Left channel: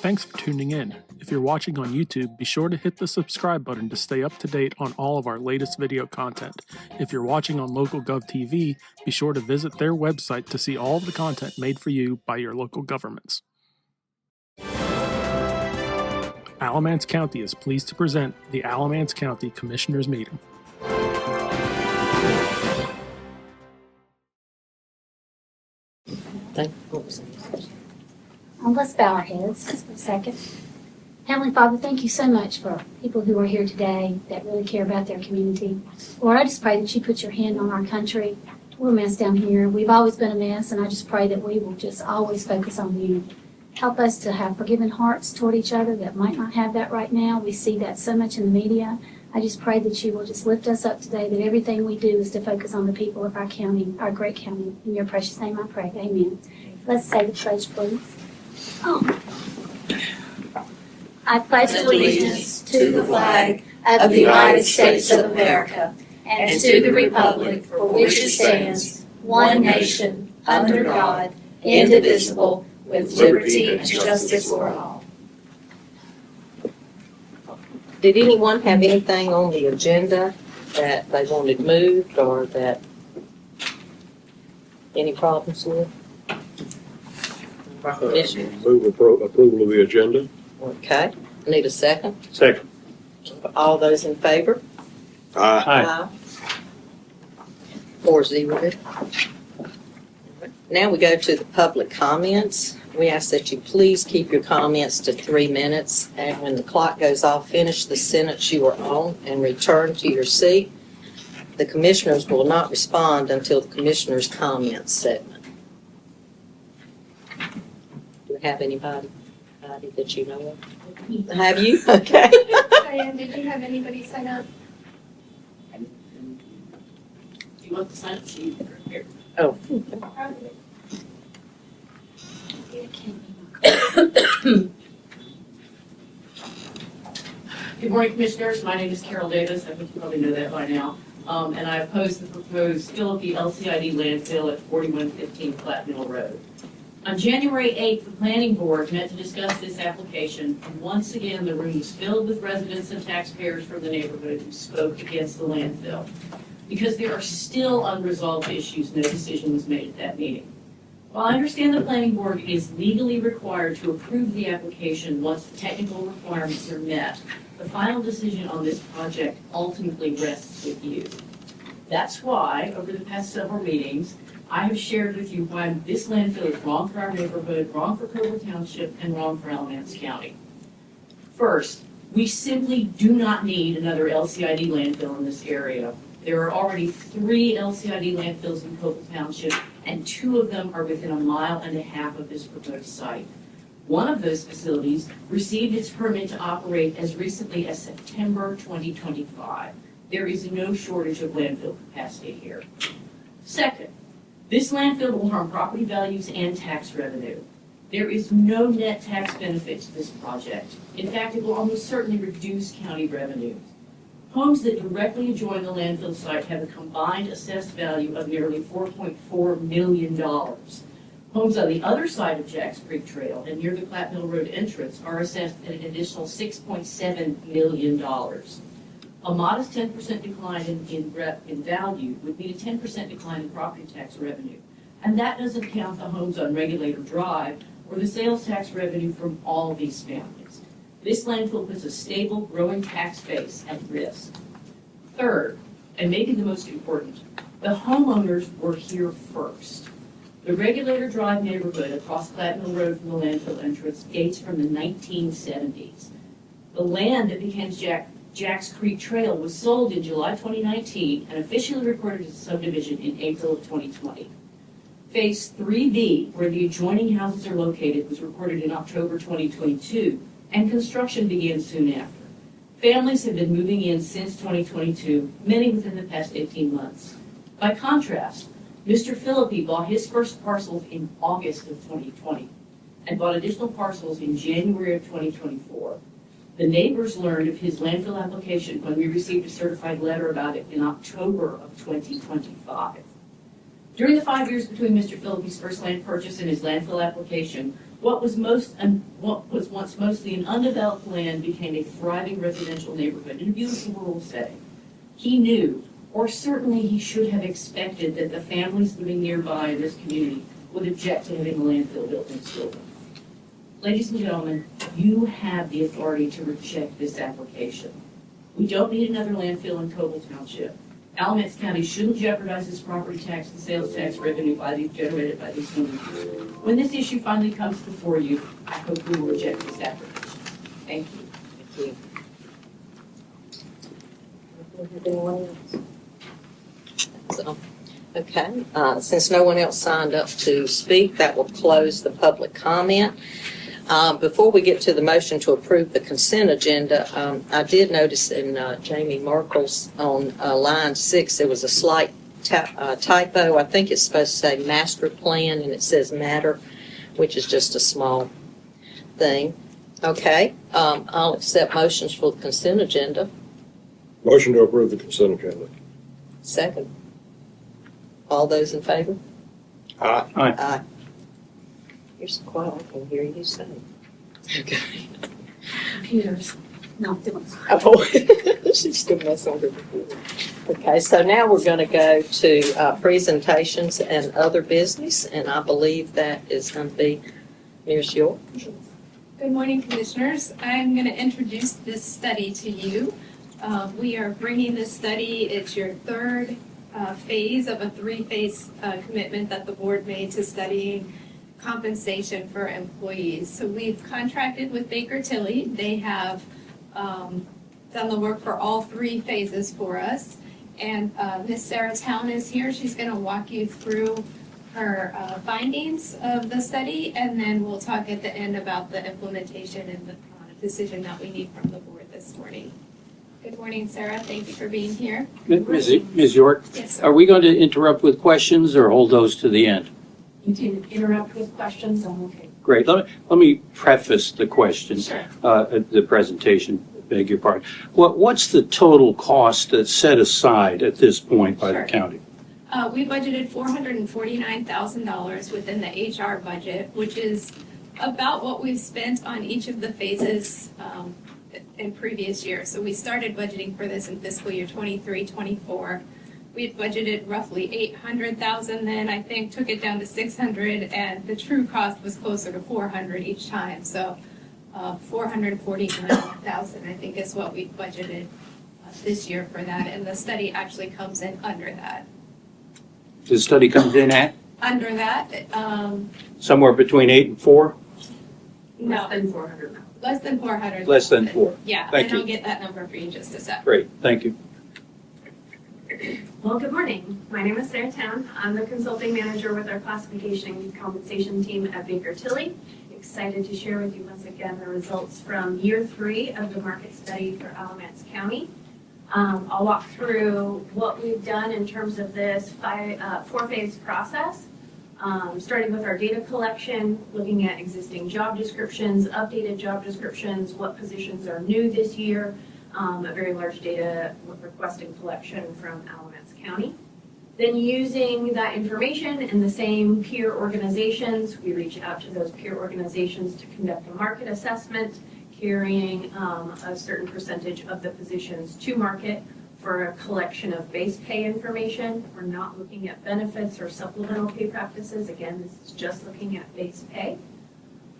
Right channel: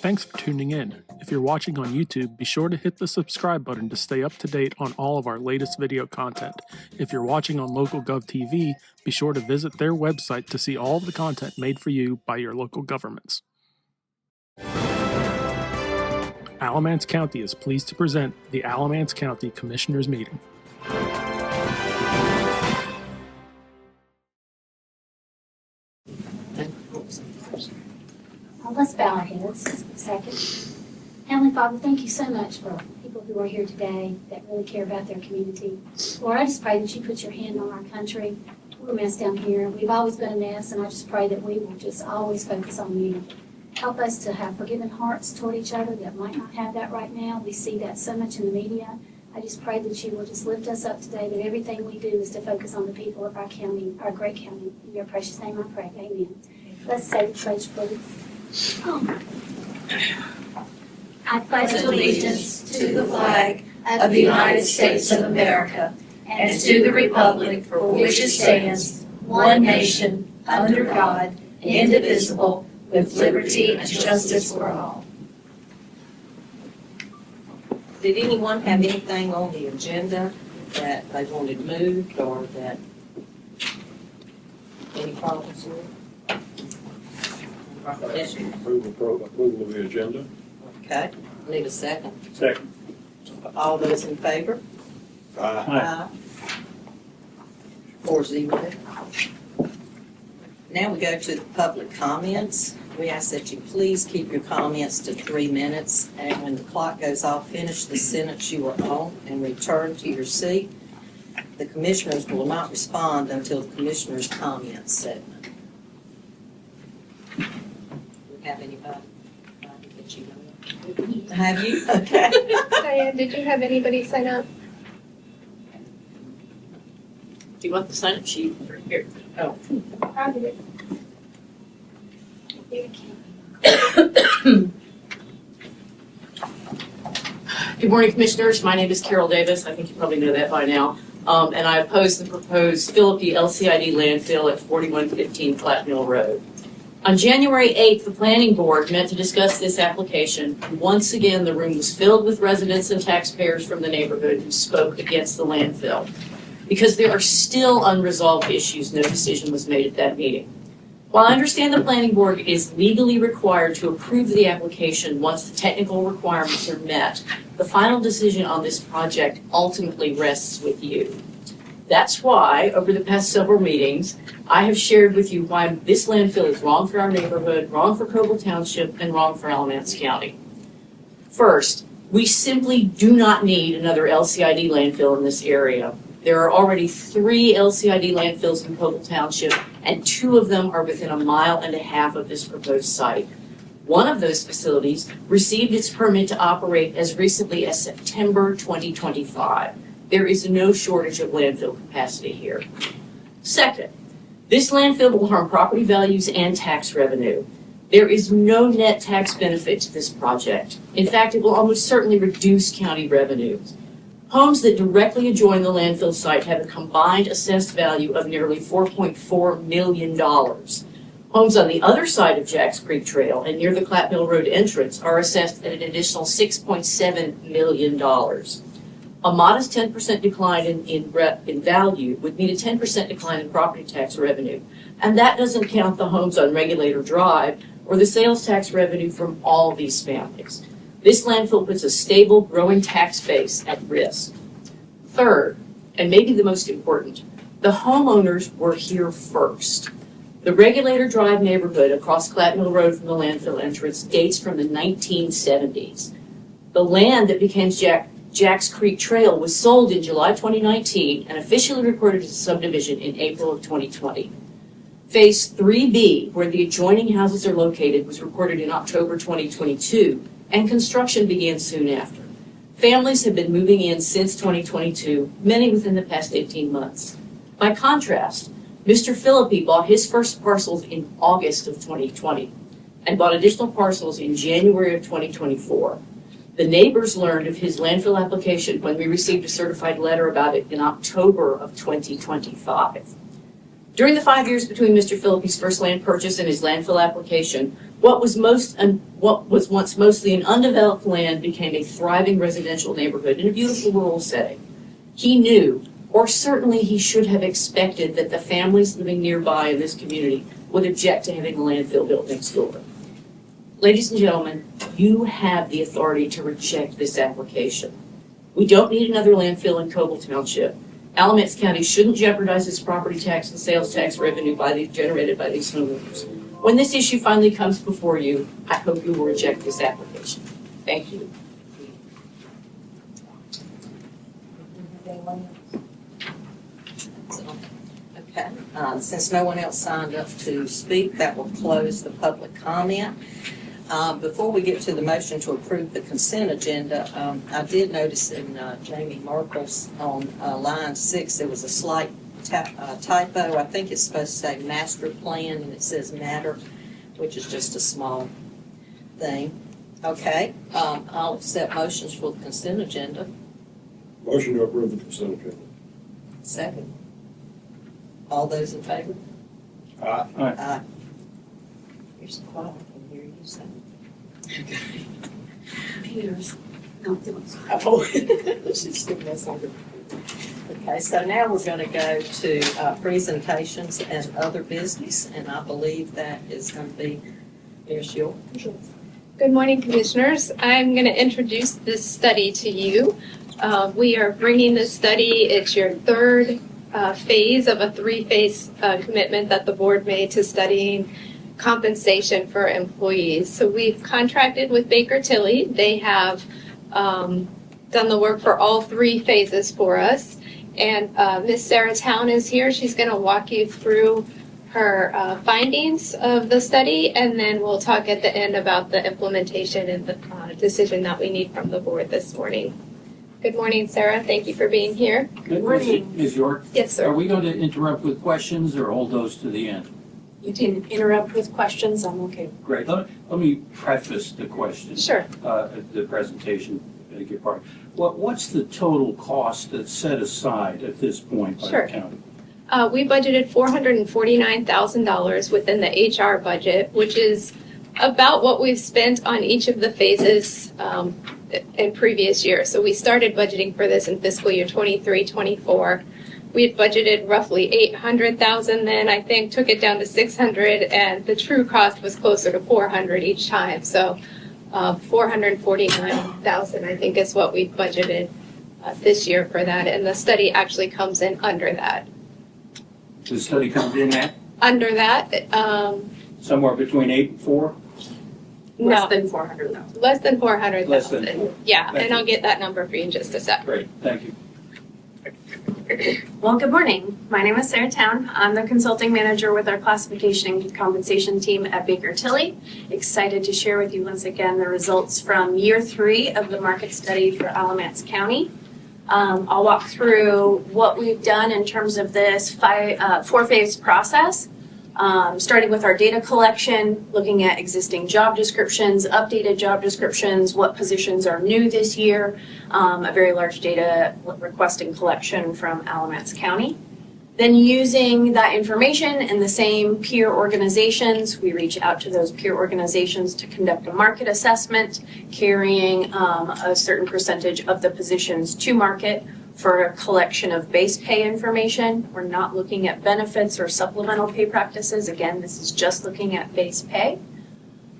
Thanks for tuning in. If you're watching on YouTube, be sure to hit the subscribe button to stay up to date on all of our latest video content. If you're watching on LocalGov TV, be sure to visit their website to see all of the content made for you by your local governments. Alamance County is pleased to present the Alamance County Commissioners Meeting. Let's bow our heads for a second. Heavenly Father, thank you so much for people who are here today that really care about their community. Lord, I just pray that you put your hand on our country. We're a mess down here. We've always been a mess, and I just pray that we will just always focus on you. Help us to have forgiving hearts toward each other that might not have that right now. We see that so much in the media. I just pray that you will just lift us up today, that everything we do is to focus on the people of our county, our great county. In your precious name I pray. Amen. Let's say the pledge, please. I pledge allegiance to the flag of the United States of America and to the republic for which it stands, one nation, under God, indivisible, with liberty and justice for all. Did anyone have anything on the agenda that they wanted moved or that any problems with? Issues? Move approval of the agenda. Okay, need a second? Second. All those in favor? Aye. 4-0. Now we go to the public comments. We ask that you please keep your comments to 3 minutes, and when the clock goes off, finish the sentence you are on and return to your seat. The commissioners will not respond until the commissioners' comments segment. Do we have anybody that you know of? Have you? Okay. Diane, did you have anybody sign up? Do you want the sign-up sheet here? I did. Good morning, Commissioners. My name is Carol Davis. I think you probably know that by now. And I oppose the proposed Philippi LCID landfill at 4115 Platte Mill Road. On January 8th, the Planning Board met to discuss this application. Once again, the room was filled with residents and taxpayers from the neighborhood who spoke against the landfill. Because there are still unresolved issues, no decision was made at that meeting. While I understand the Planning Board is legally required to approve the application once the technical requirements are met, the final decision on this project ultimately rests with you. That's why, over the past several meetings, I have shared with you why this landfill is wrong for our neighborhood, wrong for Coble Township, and wrong for Alamance County. First, we simply do not need another LCID landfill in this area. There are already 3 LCID landfills in Coble Township, and 2 of them are within 1.5 miles of this proposed site. One of those facilities received its permit to operate as recently as September 2025. There is no shortage of landfill capacity here. Second, this landfill will harm property values and tax revenue. There is no net tax benefit to this project. In fact, it will almost certainly reduce county revenues. Homes that directly adjoin the landfill site have a combined assessed value of nearly $4.4 million. Homes on the other side of Jacks Creek Trail and near the Platte Mill Road entrance are assessed at an additional $6.7 million. A modest 10% decline in value would mean a 10% decline in property tax revenue. And that doesn't count the homes on Regulator Drive or the sales tax revenue from all these families. This landfill puts a stable, growing tax base at risk. Third, and maybe the most important, the homeowners were here first. The Regulator Drive neighborhood across Platte Mill Road from the landfill entrance dates from the 1970s. The land that became Jacks Creek Trail was sold in July 2019 and officially recorded as a subdivision in April of 2020. Phase 3B, where the adjoining houses are located, was recorded in October 2022. And construction began soon after. Families have been moving in since 2022, many within the past 18 months. By contrast, Mr. Philippi bought his first parcels in August of 2020 and bought additional parcels in January of 2024. The neighbors learned of his landfill application when we received a certified letter about it in October of 2025. During the 5 years between Mr. Philippi's first land purchase and his landfill application, What was once mostly an undeveloped land became a thriving residential neighborhood in a beautiful rural setting. He knew, or certainly he should have expected, that the families living nearby in this community would object to having a landfill built next door. Ladies and gentlemen, you have the authority to reject this application. We don't need another landfill in Coble Township. Alamance County shouldn't jeopardize its property tax and sales tax revenue generated by these homeowners. When this issue finally comes before you, I hope you will reject this application. Thank you. Thank you. Have anyone else? So, okay, since no one else signed up to speak, that will close the public comment. Before we get to the motion to approve the consent agenda, I did notice in Jamie Merkel's on line 6, there was a slight typo. I think it's supposed to say master plan and it says matter, which is just a small thing. Okay, I'll accept motions for the consent agenda. Motion to approve the consent agenda. Second. All those in favor? Aye. Aye. You're so quiet, I can hear you say. Okay. Computers, not doing. Oh, she's still messing with her computer. Okay, so now we're going to go to presentations and other business, and I believe that is going to be Ms. York. Good morning, Commissioners. I'm going to introduce this study to you. We are bringing this study, it's your third phase of a three-phase commitment that the board made to studying compensation for employees. So we've contracted with Baker Tilly. They have done the work for all three phases for us. And Ms. Sarah Town is here. She's going to walk you through her findings of the study, and then we'll talk at the end about the implementation and the decision that we need from the board this morning. Good morning, Sarah. Thank you for being here. Ms. York, Yes, sir. are we going to interrupt with questions or hold those to the end? You can interrupt with questions, I'm okay. Great. Let me preface the question. Sure. The presentation, beg your pardon. What's the total cost that's set aside at this point by Sure. the county? We budgeted $449,000 within the HR budget, which is about what we've spent on each of the phases in previous years. So we started budgeting for this in fiscal year 23-24. We had budgeted roughly $800,000 then, I think, took it down to $600, and the true cost was closer to $400 each time. So $449,000, I think, is what we budgeted this year for that, and the study actually comes in under that. The study comes in at Under that, somewhere between 8 and 4? no, Less than 400,000. less than 400,000. Less than 4. Yeah, Thank and I'll you. get that number for you in just a sec. Great, thank you. Well, good morning. My name is Sarah Town. I'm the consulting manager with our classification and compensation team at Baker Tilly. Excited to share with you once again the results from year 3 of the market study for Alamance County. I'll walk through what we've done in terms of this 4-phase process. Starting with our data collection, looking at existing job descriptions, updated job descriptions, what positions are new this year, a very large data request and collection from Alamance County. Then using that information and the same peer organizations, we reach out to those peer organizations to conduct a market assessment, carrying a certain percentage of the positions to market for a collection of base pay information. We're not looking at benefits or supplemental pay practices. Again, this is just looking at base pay.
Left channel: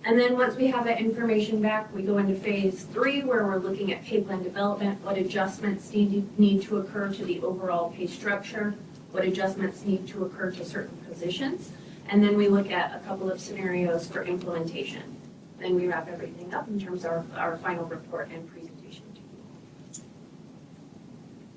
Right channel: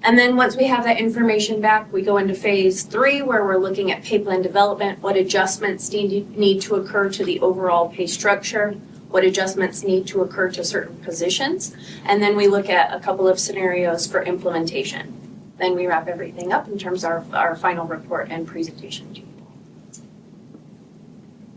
And then once we have that information back, we go into phase 3 where we're looking at pay plan development, what adjustments need to occur to the overall pay structure, what adjustments need to occur to certain positions, and then we look at a couple of scenarios for implementation. Then we wrap everything up in terms of our final report and presentation to you.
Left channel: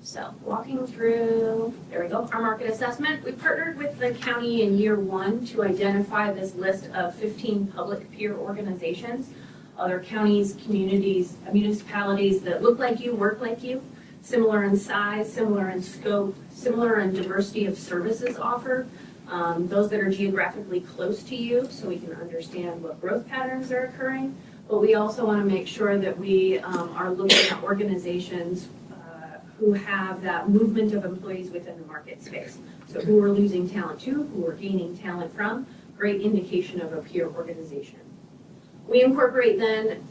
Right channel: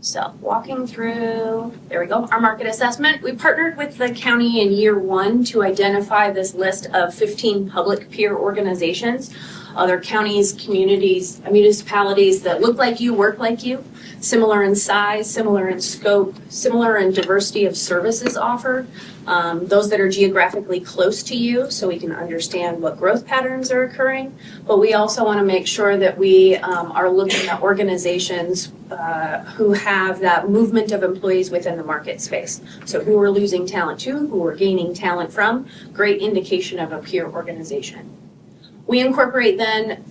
So walking through, there we go, our market assessment. We partnered with the county in year 1 to identify this list of 15 public peer organizations, other counties, communities, municipalities that look like you, work like you, similar in size, similar in scope, similar in diversity of services offered, those that are geographically close to you so we can understand what growth patterns are occurring. But we also want to make sure that we are looking at organizations who have that movement of employees within the market space. So who we're losing talent to, who we're gaining talent from, great indication of a peer organization. We incorporate then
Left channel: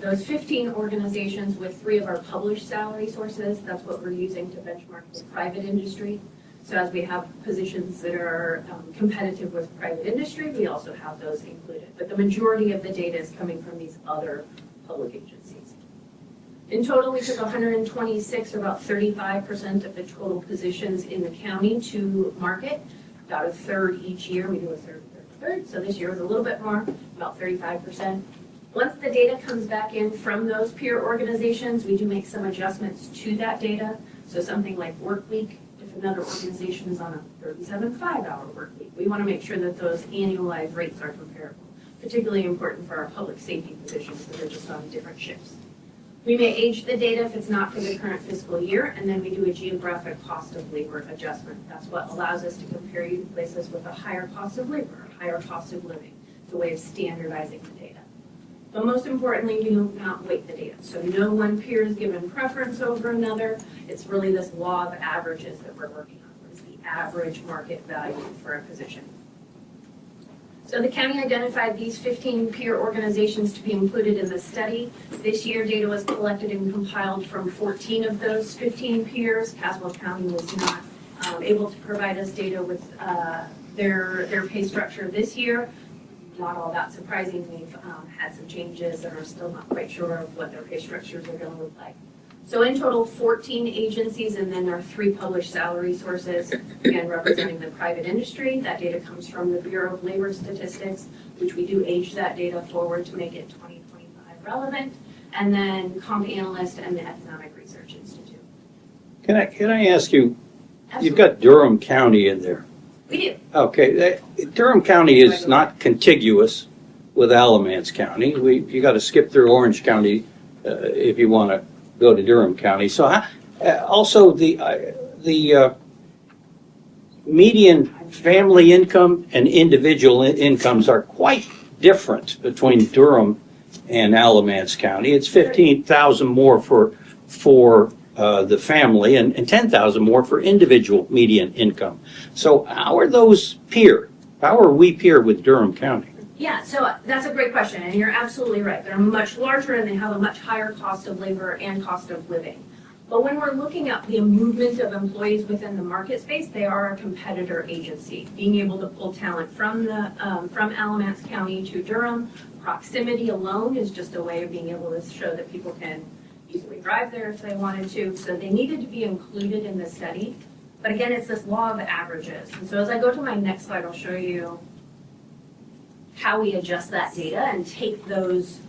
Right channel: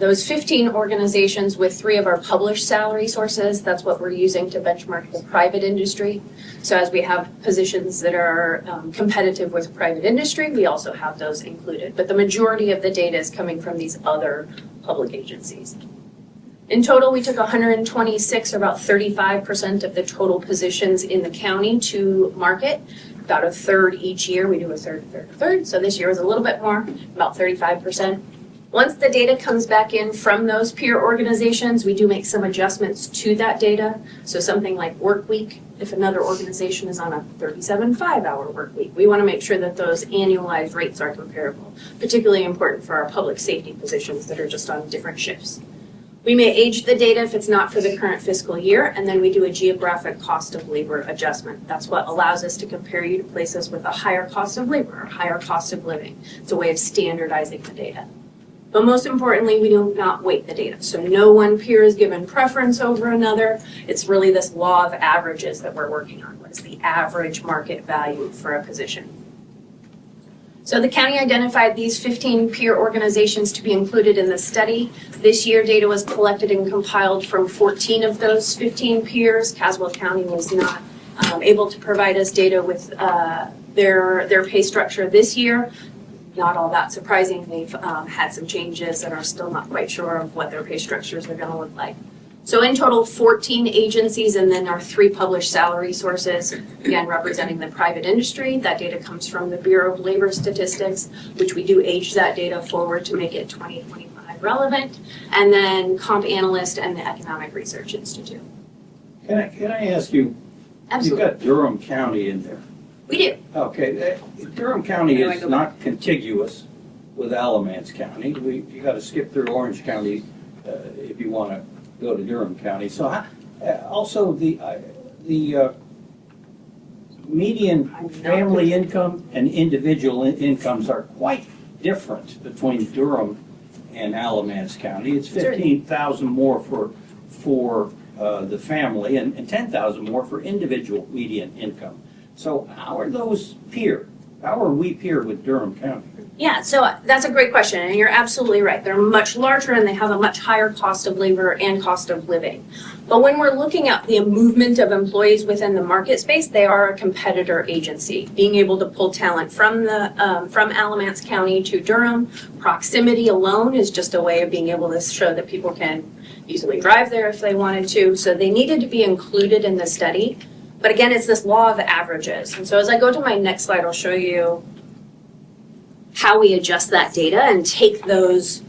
those 15 organizations with 3 of our published salary sources. That's what we're using to benchmark the private industry. So as we have positions that are competitive with private industry, we also have those included. But the majority of the data is coming from these other public agencies. In total, we took 126, or about 35% of the total positions in the county to market. About a third each year. We do a third, a third, a third. So this year was a little bit more, about 35%. Once the data comes back in from those peer organizations, we do make some adjustments to that data. So something like work week, if another organization is on a 37.5-hour work week, we want to make sure that those annualized rates are comparable, particularly important for our public safety positions that are just on different shifts. We may age the data if it's not for the current fiscal year, and then we do a geographic cost of labor adjustment. That's what allows us to compare you to places with a higher cost of labor or higher cost of living. It's a way of standardizing the data. But most importantly, we do not weight the data. So no one peer is given preference over another. It's really this law of averages that we're working on. What is the average market value for a position? So the county identified these 15 peer organizations to be included in the study. This year, data was collected and compiled from 14 of those 15 peers. Caswell County was not able to provide us data with their pay structure this year. Not all that surprising. They've had some changes and are still not quite sure of what their pay structures are going to look like. So in total, 14 agencies, and then our 3 published salary sources, again, representing the private industry. That data comes from the Bureau of Labor Statistics, which we do age that data forward to make it 2025 relevant, and then Comp Analyst and the Economic Research Institute. Can I ask you, Absolutely. you've got Durham County in there. We do. Okay, Durham County is not contiguous with Alamance County. You got to skip through Orange County if you want to go to Durham County. So also the median family income and individual incomes are quite different between Durham and Alamance County. It's 15,000 more for the family and 10,000 more for individual median income. So how are those peered? How are we peered with Durham County? Yeah, so that's a great question, and you're absolutely right. They're much larger and they have a much higher cost of labor and cost of living. But when we're looking at the movement of employees within the market space, they are a competitor agency. Being able to pull talent from Alamance County to Durham, proximity alone is just a way of being able to show that people can easily drive there if they wanted to. So they needed to be included in the study. But again, it's this law of averages. And so as I go to my next slide, I'll show you how we adjust that data and take those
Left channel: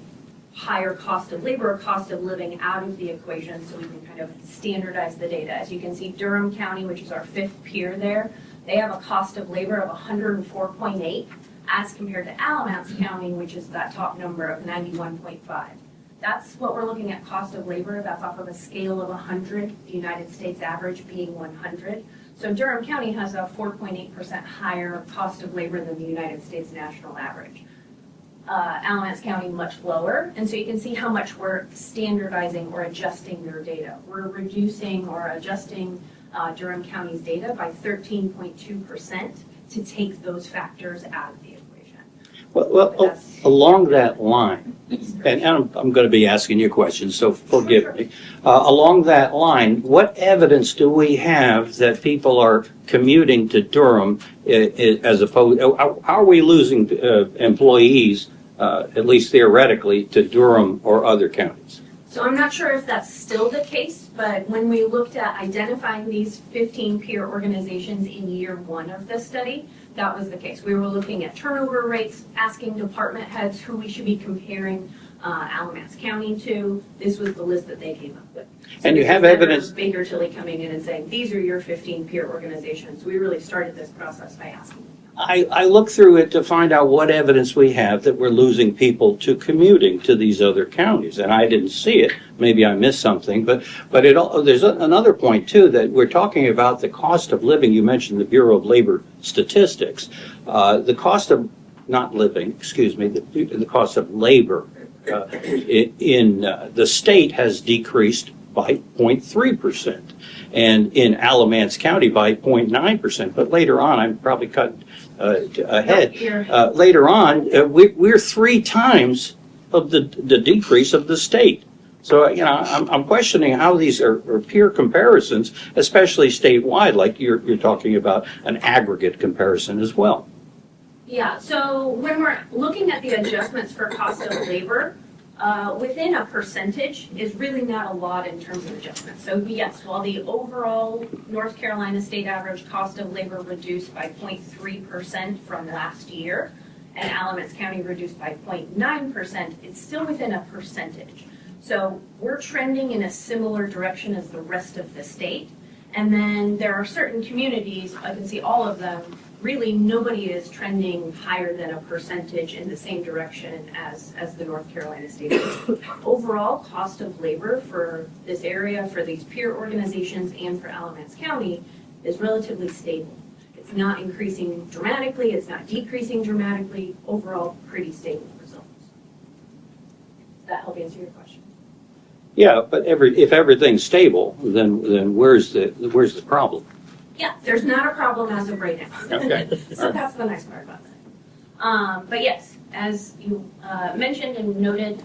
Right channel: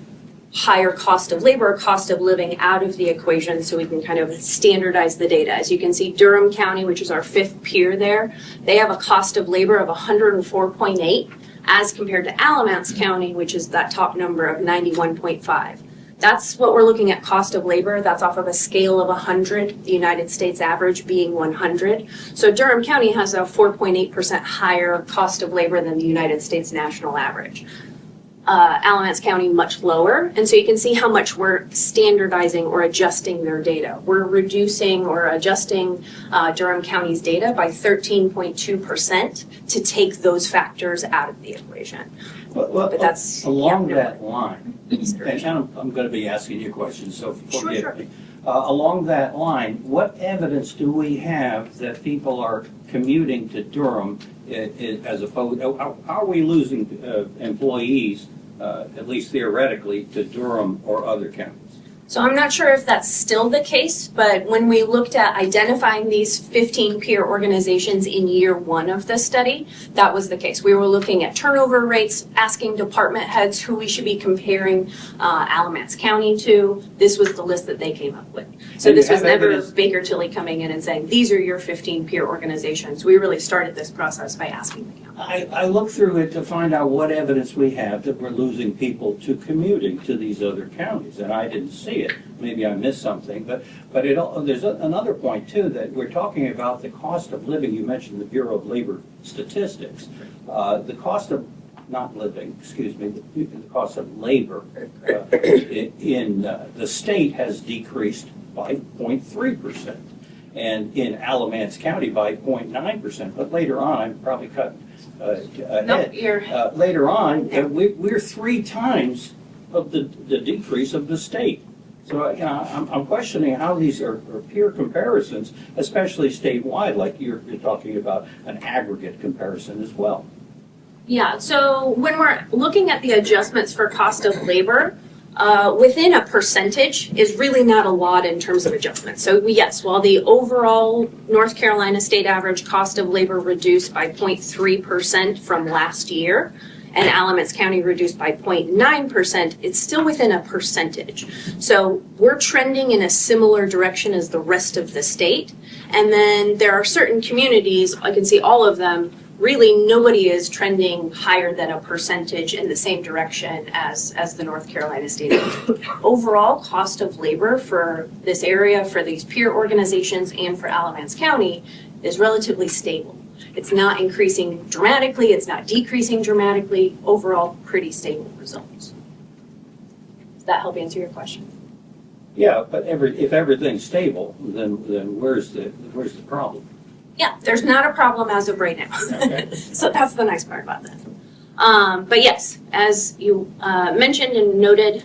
higher cost of labor, cost of living out of the equation so we can kind of standardize the data. As you can see, Durham County, which is our 5th peer there, they have a cost of labor of 104.8 as compared to Alamance County, which is that top number of 91.5. That's what we're looking at, cost of labor. That's off of a scale of 100, the United States average being 100. So Durham County has a 4.8% higher cost of labor than the United States national average. Alamance County much lower, and so you can see how much we're standardizing or adjusting their data. We're reducing or adjusting Durham County's data by 13.2% to take those factors out of the equation. Well, But that's- along that line, and I'm going to be asking you questions, so forgive me. Along that line, what evidence do we have that people are commuting to Durham as opposed, how are we losing employees, at least theoretically, to Durham or other counties? So I'm not sure if that's still the case, but when we looked at identifying these 15 peer organizations in year 1 of the study, that was the case. We were looking at turnover rates, asking department heads who we should be comparing Alamance County to. This was the list that they came up with. So And you this was have never evidence- Baker Tilly coming in and saying, these are your 15 peer organizations. We really started this process by asking the county. I looked through it to find out what evidence we have that we're losing people to commuting to these other counties, and I didn't see it. Maybe I missed something, but there's another point too, that we're talking about the cost of living. You mentioned the Bureau of Labor Statistics. The cost of not living, excuse me, the cost of labor in the state has decreased by 0.3%, and in Alamance County by 0.9%. But later on, I'm probably cut ahead. Later on, we're 3 times of the decrease of the state. So, I'm questioning how these are peer comparisons, especially statewide, like you're talking about an aggregate comparison as well. Yeah, so when we're looking at the adjustments for cost of labor, within a percentage is really not a lot in terms of adjustments. So yes, while the overall North Carolina state average cost of labor reduced by 0.3% from last year, and Alamance County reduced by 0.9%, it's still within a percentage. So we're trending in a similar direction as the rest of the state. And then there are certain communities, I can see all of them, really nobody is trending higher than a percentage in the same direction as the North Carolina state average. Overall cost of labor for this area, for these peer organizations, and for Alamance County is relatively stable. It's not increasing dramatically, it's not decreasing dramatically, overall pretty stable results. Does that help answer your question? Yeah, but if everything's stable, then where's the problem? Yeah, there's not a problem as of right now. Okay. So that's the nice part about that. But yes, as you mentioned and noted,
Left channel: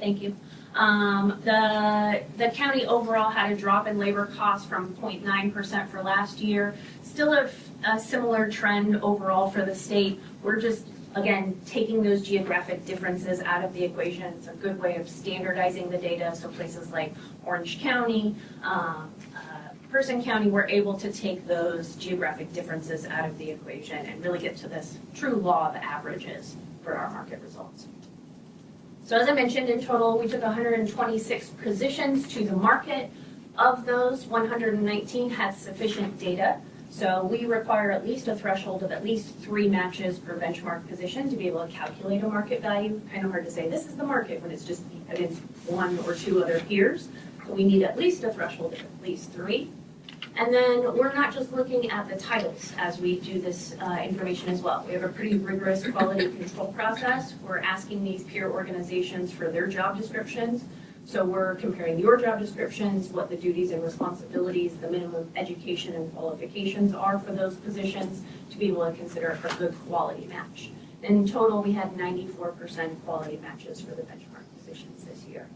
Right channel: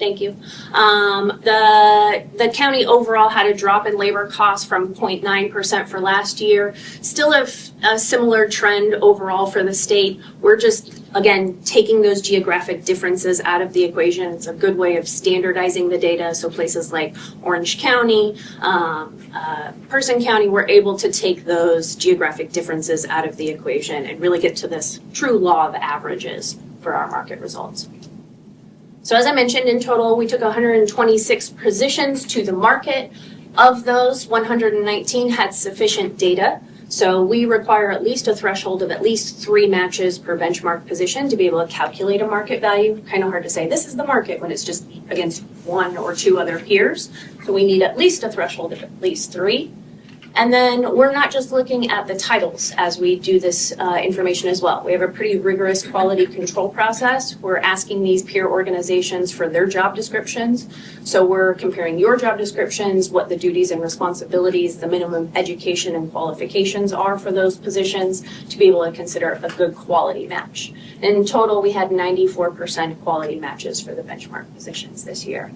thank you. The county overall had a drop in labor costs from 0.9% for last year. Still a similar trend overall for the state. We're just, again, taking those geographic differences out of the equation. It's a good way of standardizing the data. So places like Orange County, Person County, we're able to take those geographic differences out of the equation and really get to this true law of averages for our market results. So as I mentioned, in total, we took 126 positions to the market. Of those, 119 had sufficient data. So we require at least a threshold of at least 3 matches per benchmark position to be able to calculate a market value. Kind of hard to say this is the market when it's just against 1 or 2 other peers. So we need at least a threshold of at least 3. And then we're not just looking at the titles as we do this information as well. We have a pretty rigorous quality control process. We're asking these peer organizations for their job descriptions. So we're comparing your job descriptions, what the duties and responsibilities, the minimum education and qualifications are for those positions to be able to consider a good quality match. In total, we had 94% quality matches for the benchmark positions this year.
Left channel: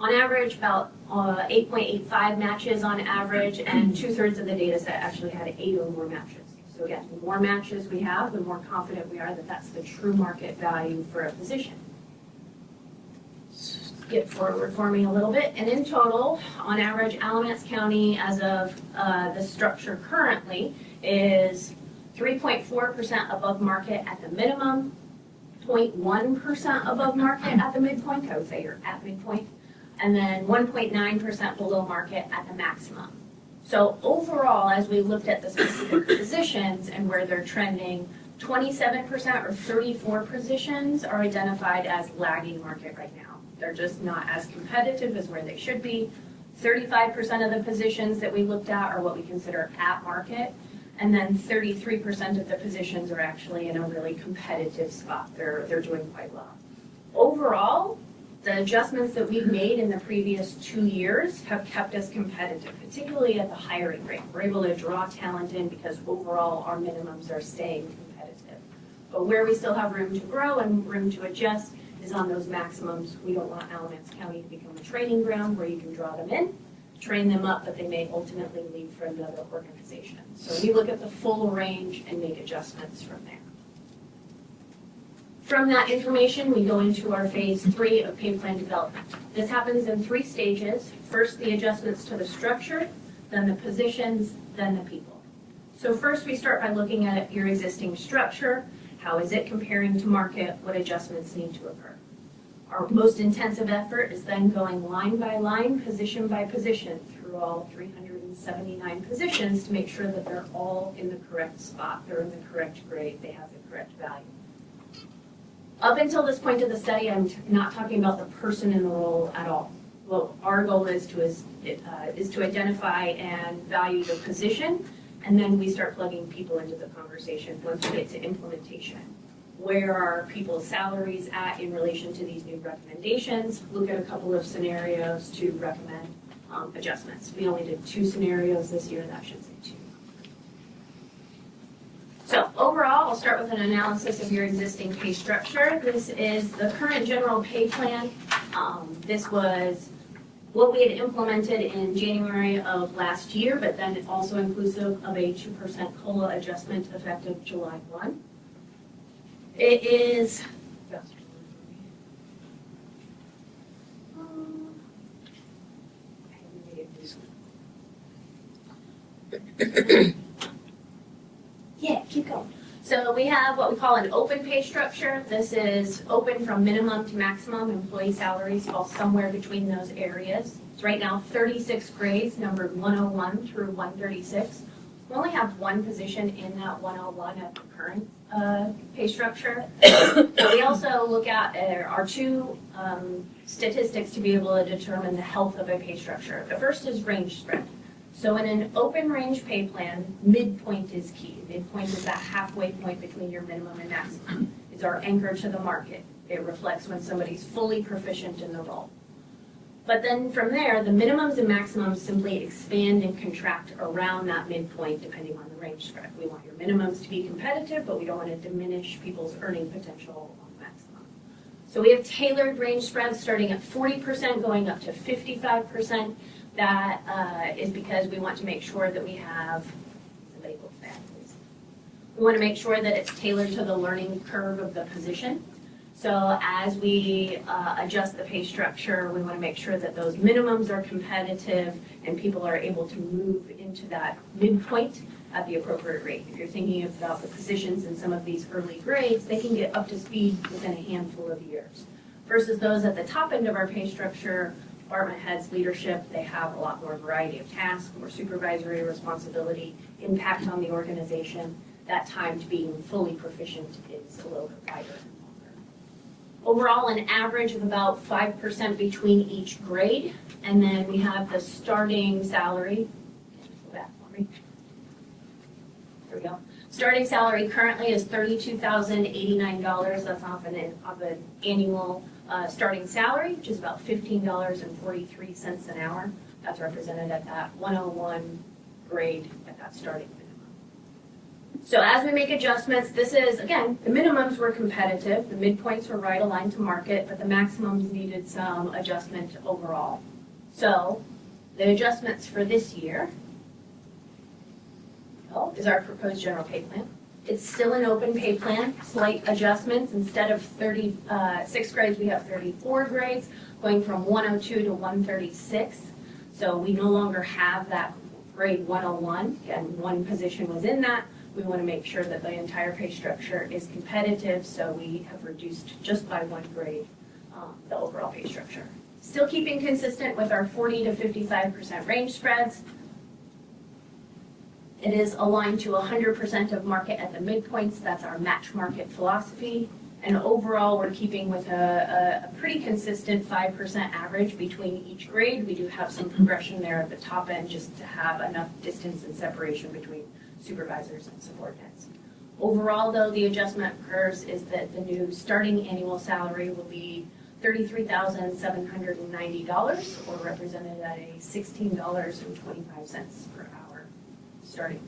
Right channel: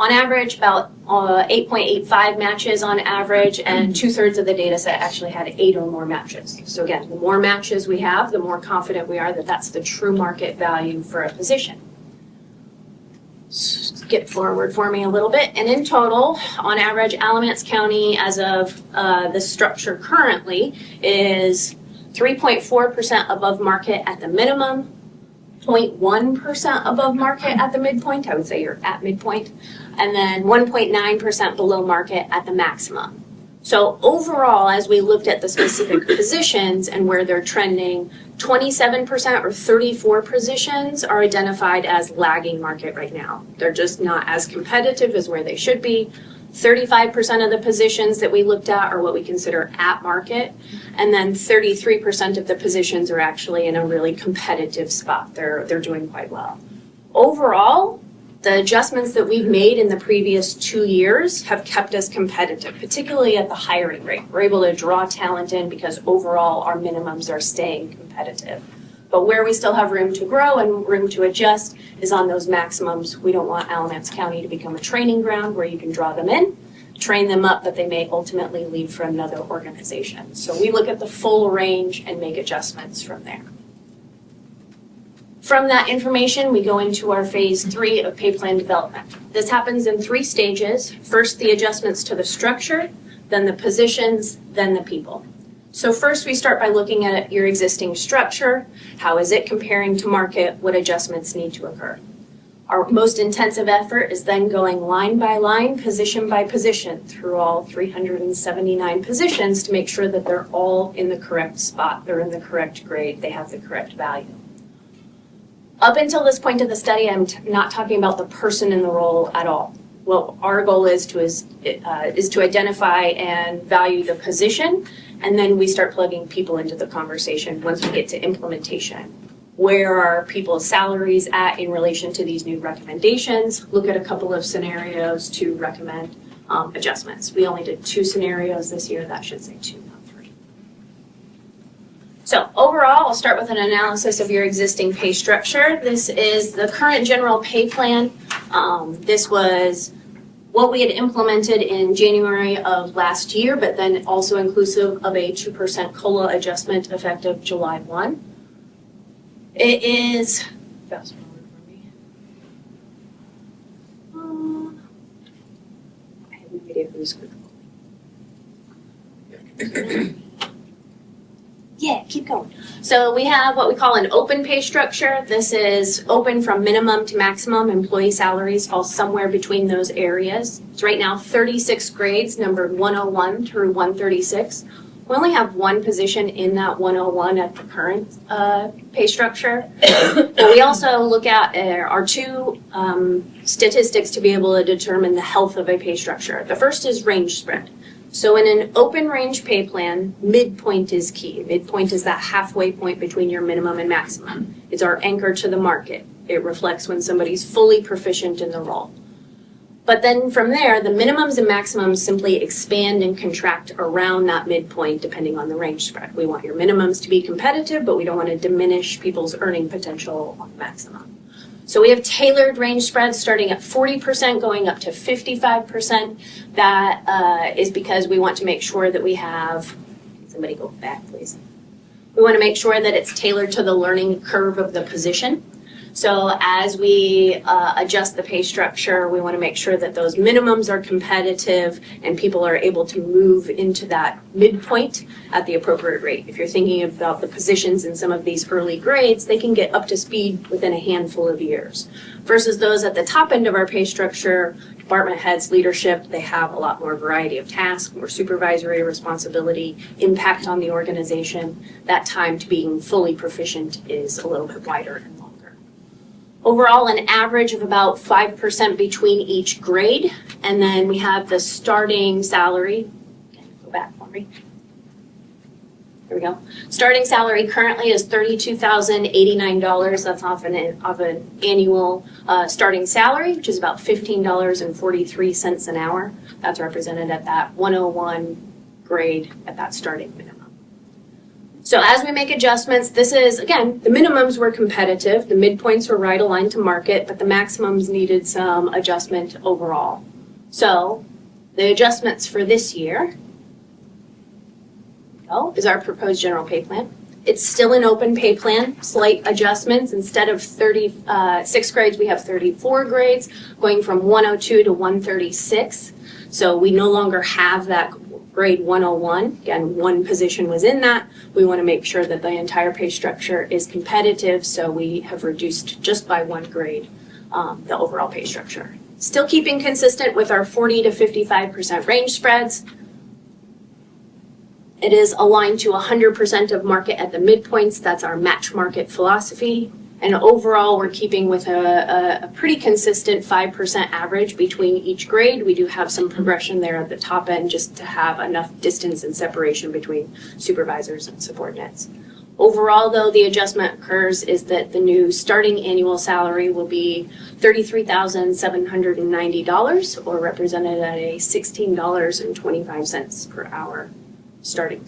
On average, about 8.85 matches on average, and 2/3 of the data set actually had 8 or more matches. So again, the more matches we have, the more confident we are that that's the true market value for a position. Skip forward for me a little bit, and in total, on average, Alamance County, as of the structure currently, is 3.4% above market at the minimum, 0.1% above market at the midpoint, I would say you're at midpoint, and then 1.9% below market at the maximum. So overall, as we looked at the specific positions and where they're trending, 27% or 34 positions are identified as lagging market right now. They're just not as competitive as where they should be. 35% of the positions that we looked at are what we consider at market, and then 33% of the positions are actually in a really competitive spot. They're doing quite well. Overall, the adjustments that we've made in the previous 2 years have kept us competitive, particularly at the hiring rate. We're able to draw talent in because overall our minimums are staying competitive. But where we still have room to grow and room to adjust is on those maximums. We don't want Alamance County to become a training ground where you can draw them in, train them up, but they may ultimately leave for another organization. So we look at the full range and make adjustments from there. From that information, we go into our phase 3 of pay plan development. This happens in 3 stages. First, the adjustments to the structure, then the positions, then the people. So first, we start by looking at your existing structure. How is it comparing to market? What adjustments need to occur? Our most intensive effort is then going line by line, position by position, through all 379 positions to make sure that they're all in the correct spot, they're in the correct grade, they have the correct value. Up until this point of the study, I'm not talking about the person in the role at all. Well, our goal is to identify and value the position, and then we start plugging people into the conversation once we get to implementation. Where are people's salaries at in relation to these new recommendations? Look at a couple of scenarios to recommend adjustments. We only did 2 scenarios this year. That should say 2, not 3. So overall, overall, I'll start with an analysis of your existing pay structure. This is the current general pay plan. This was what we had implemented in January of last year, but then also inclusive of a 2% COLA adjustment effective July 1. It is, yeah, keep going. So we have what we call an open pay structure. This is open from minimum to maximum. Employee salaries fall somewhere between those areas. It's right now 36 grades, numbered 101 through 136. We only have one position in that 101 at the current pay structure. But we also look at our two statistics to be able to determine the health of a pay structure. The first is range spread. So in an open range pay plan, midpoint is key. Midpoint is that halfway point between your minimum and maximum. It's our anchor to the market. It reflects when somebody's fully proficient in the role. But then from there, the minimums and maximums simply expand and contract around that midpoint depending on the range spread. We want your minimums to be competitive, but we don't want to diminish people's earning potential on the maximum. So we have tailored range spreads starting at 40% going up to 55%. That is because we want to make sure that we have, somebody go back please. We want to make sure that it's tailored to the learning curve of the position. So as we adjust the pay structure, we want to make sure that those minimums are competitive and people are able to move into that midpoint at the appropriate rate. If you're thinking about the positions in some of these early grades, they can get up to speed within a handful of years. Versus those at the top end of our pay structure, department heads, leadership, they have a lot more variety of tasks, more supervisory responsibility, impact on the organization. That time to being fully proficient is a little bit wider. Overall, an average of about 5% between each grade. And then we have the starting salary. Go back, Lori. There we go. Starting salary currently is $32,089. That's off an annual starting salary, which is about $15.43 an hour. That's represented at that 101 grade at that starting minimum. So as we make adjustments, this is, again, the minimums were competitive, the midpoints were right aligned to market, but the maximums needed some adjustment overall. So the adjustments for this year is our proposed general pay plan. It's still an open pay plan, slight adjustments. Instead of 36 grades, we have 34 grades, going from 102 to 136. So we no longer have that grade 101. Again, one position was in that. We want to make sure that the entire pay structure is competitive, so we have reduced just by one grade the overall pay structure. Still keeping consistent with our 40 to 55% range spreads. It is aligned to 100% of market at the midpoints. That's our match market philosophy. And overall, we're keeping with a pretty consistent 5% average between each grade. We do have some progression there at the top end just to have enough distance and separation between supervisors and subordinates. Overall, though, the adjustment occurs is that the new starting annual salary will be $33,790, or represented at a $16.25 per hour starting.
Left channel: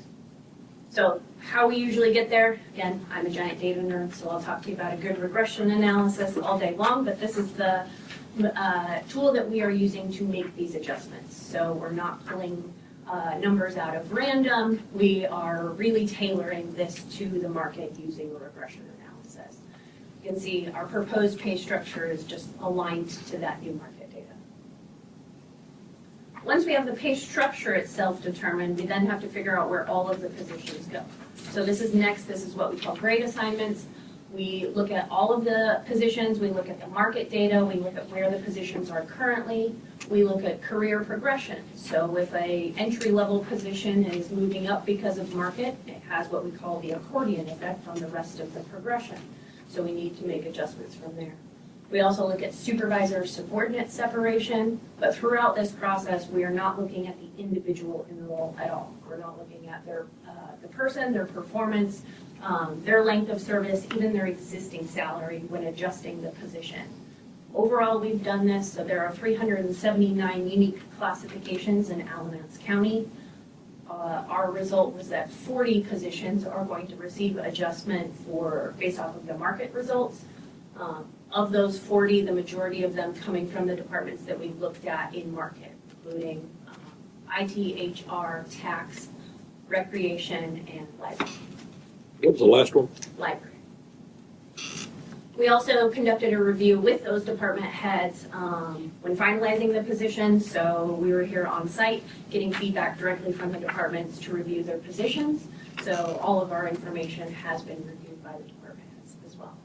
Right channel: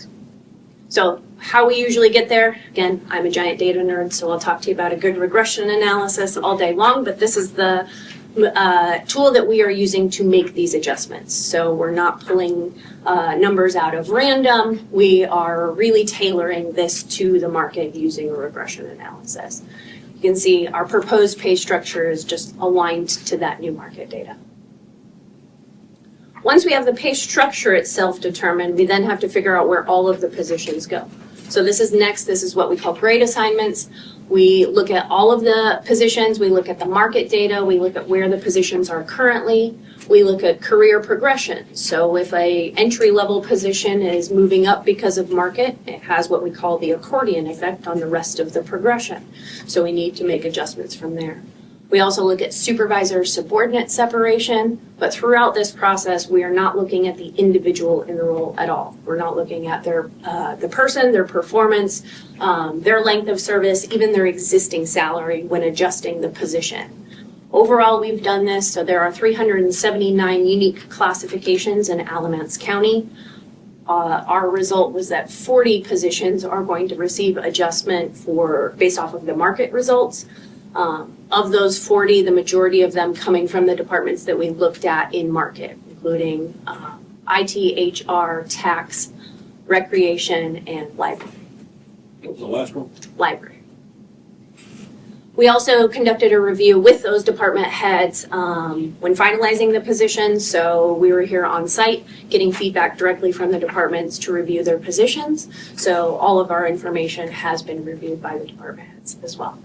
So how we usually get there, again, I'm a giant data nerd, so I'll talk to you about a good regression analysis all day long, but this is the tool that we are using to make these adjustments. So we're not pulling numbers out of random. We are really tailoring this to the market using a regression analysis. You can see our proposed pay structure is just aligned to that new market data. Once we have the pay structure itself determined, we then have to figure out where all of the positions go. So this is next, this is what we call grade assignments. We look at all of the positions, we look at the market data, we look at where the positions are currently, we look at career progression. So if a entry-level position is moving up because of market, it has what we call the accordion effect on the rest of the progression. So we need to make adjustments from there. We also look at supervisor-subordinate separation, but throughout this process, we are not looking at the individual in the role at all. We're not looking at their the person, their performance, their length of service, even their existing salary when adjusting the position. Overall, we've done this, so there are 379 unique classifications in Alamance County. our result was that 40 positions are going to receive adjustment based off of the market results. Of those 40, the majority of them coming from the departments that we looked at in market, including IT, HR, tax, recreation, and library. What was the last one? Library. We also conducted a review with those department heads when finalizing the positions. So we were here on site getting feedback directly from the departments to review their positions. So all of our information has been reviewed by the department heads as well.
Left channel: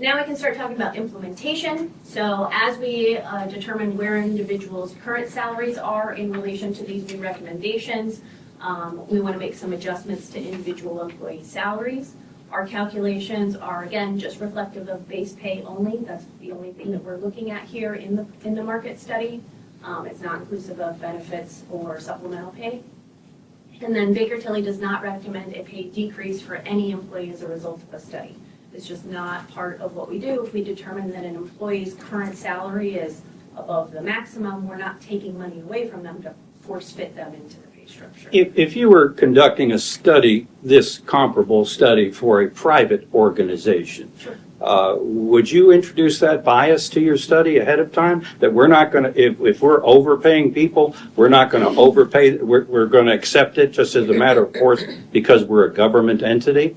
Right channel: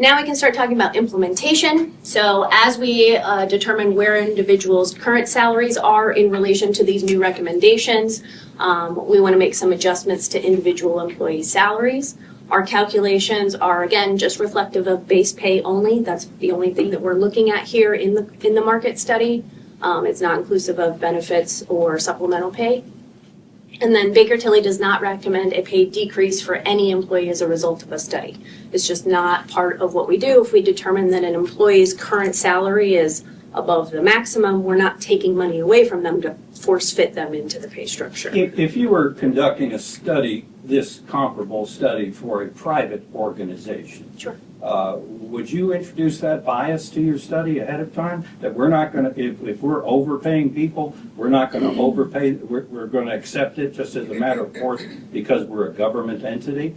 Now we can start talking about implementation. So as we determine where individuals' current salaries are in relation to these new recommendations, we want to make some adjustments to individual employee salaries. Our calculations are, again, just reflective of base pay only. That's the only thing that we're looking at here in the market study. It's not inclusive of benefits or supplemental pay. And then Baker Tilly does not recommend a pay decrease for any employee as a result of a study. It's just not part of what we do. If we determine that an employee's current salary is above the maximum, we're not taking money away from them to force fit them into the pay structure. If you were conducting a study, this comparable study for a private organization, Sure. Would you introduce that bias to your study ahead of time? That we're not going to, if we're overpaying people, we're not going to overpay, we're going to accept it just as a matter of course because we're a government entity?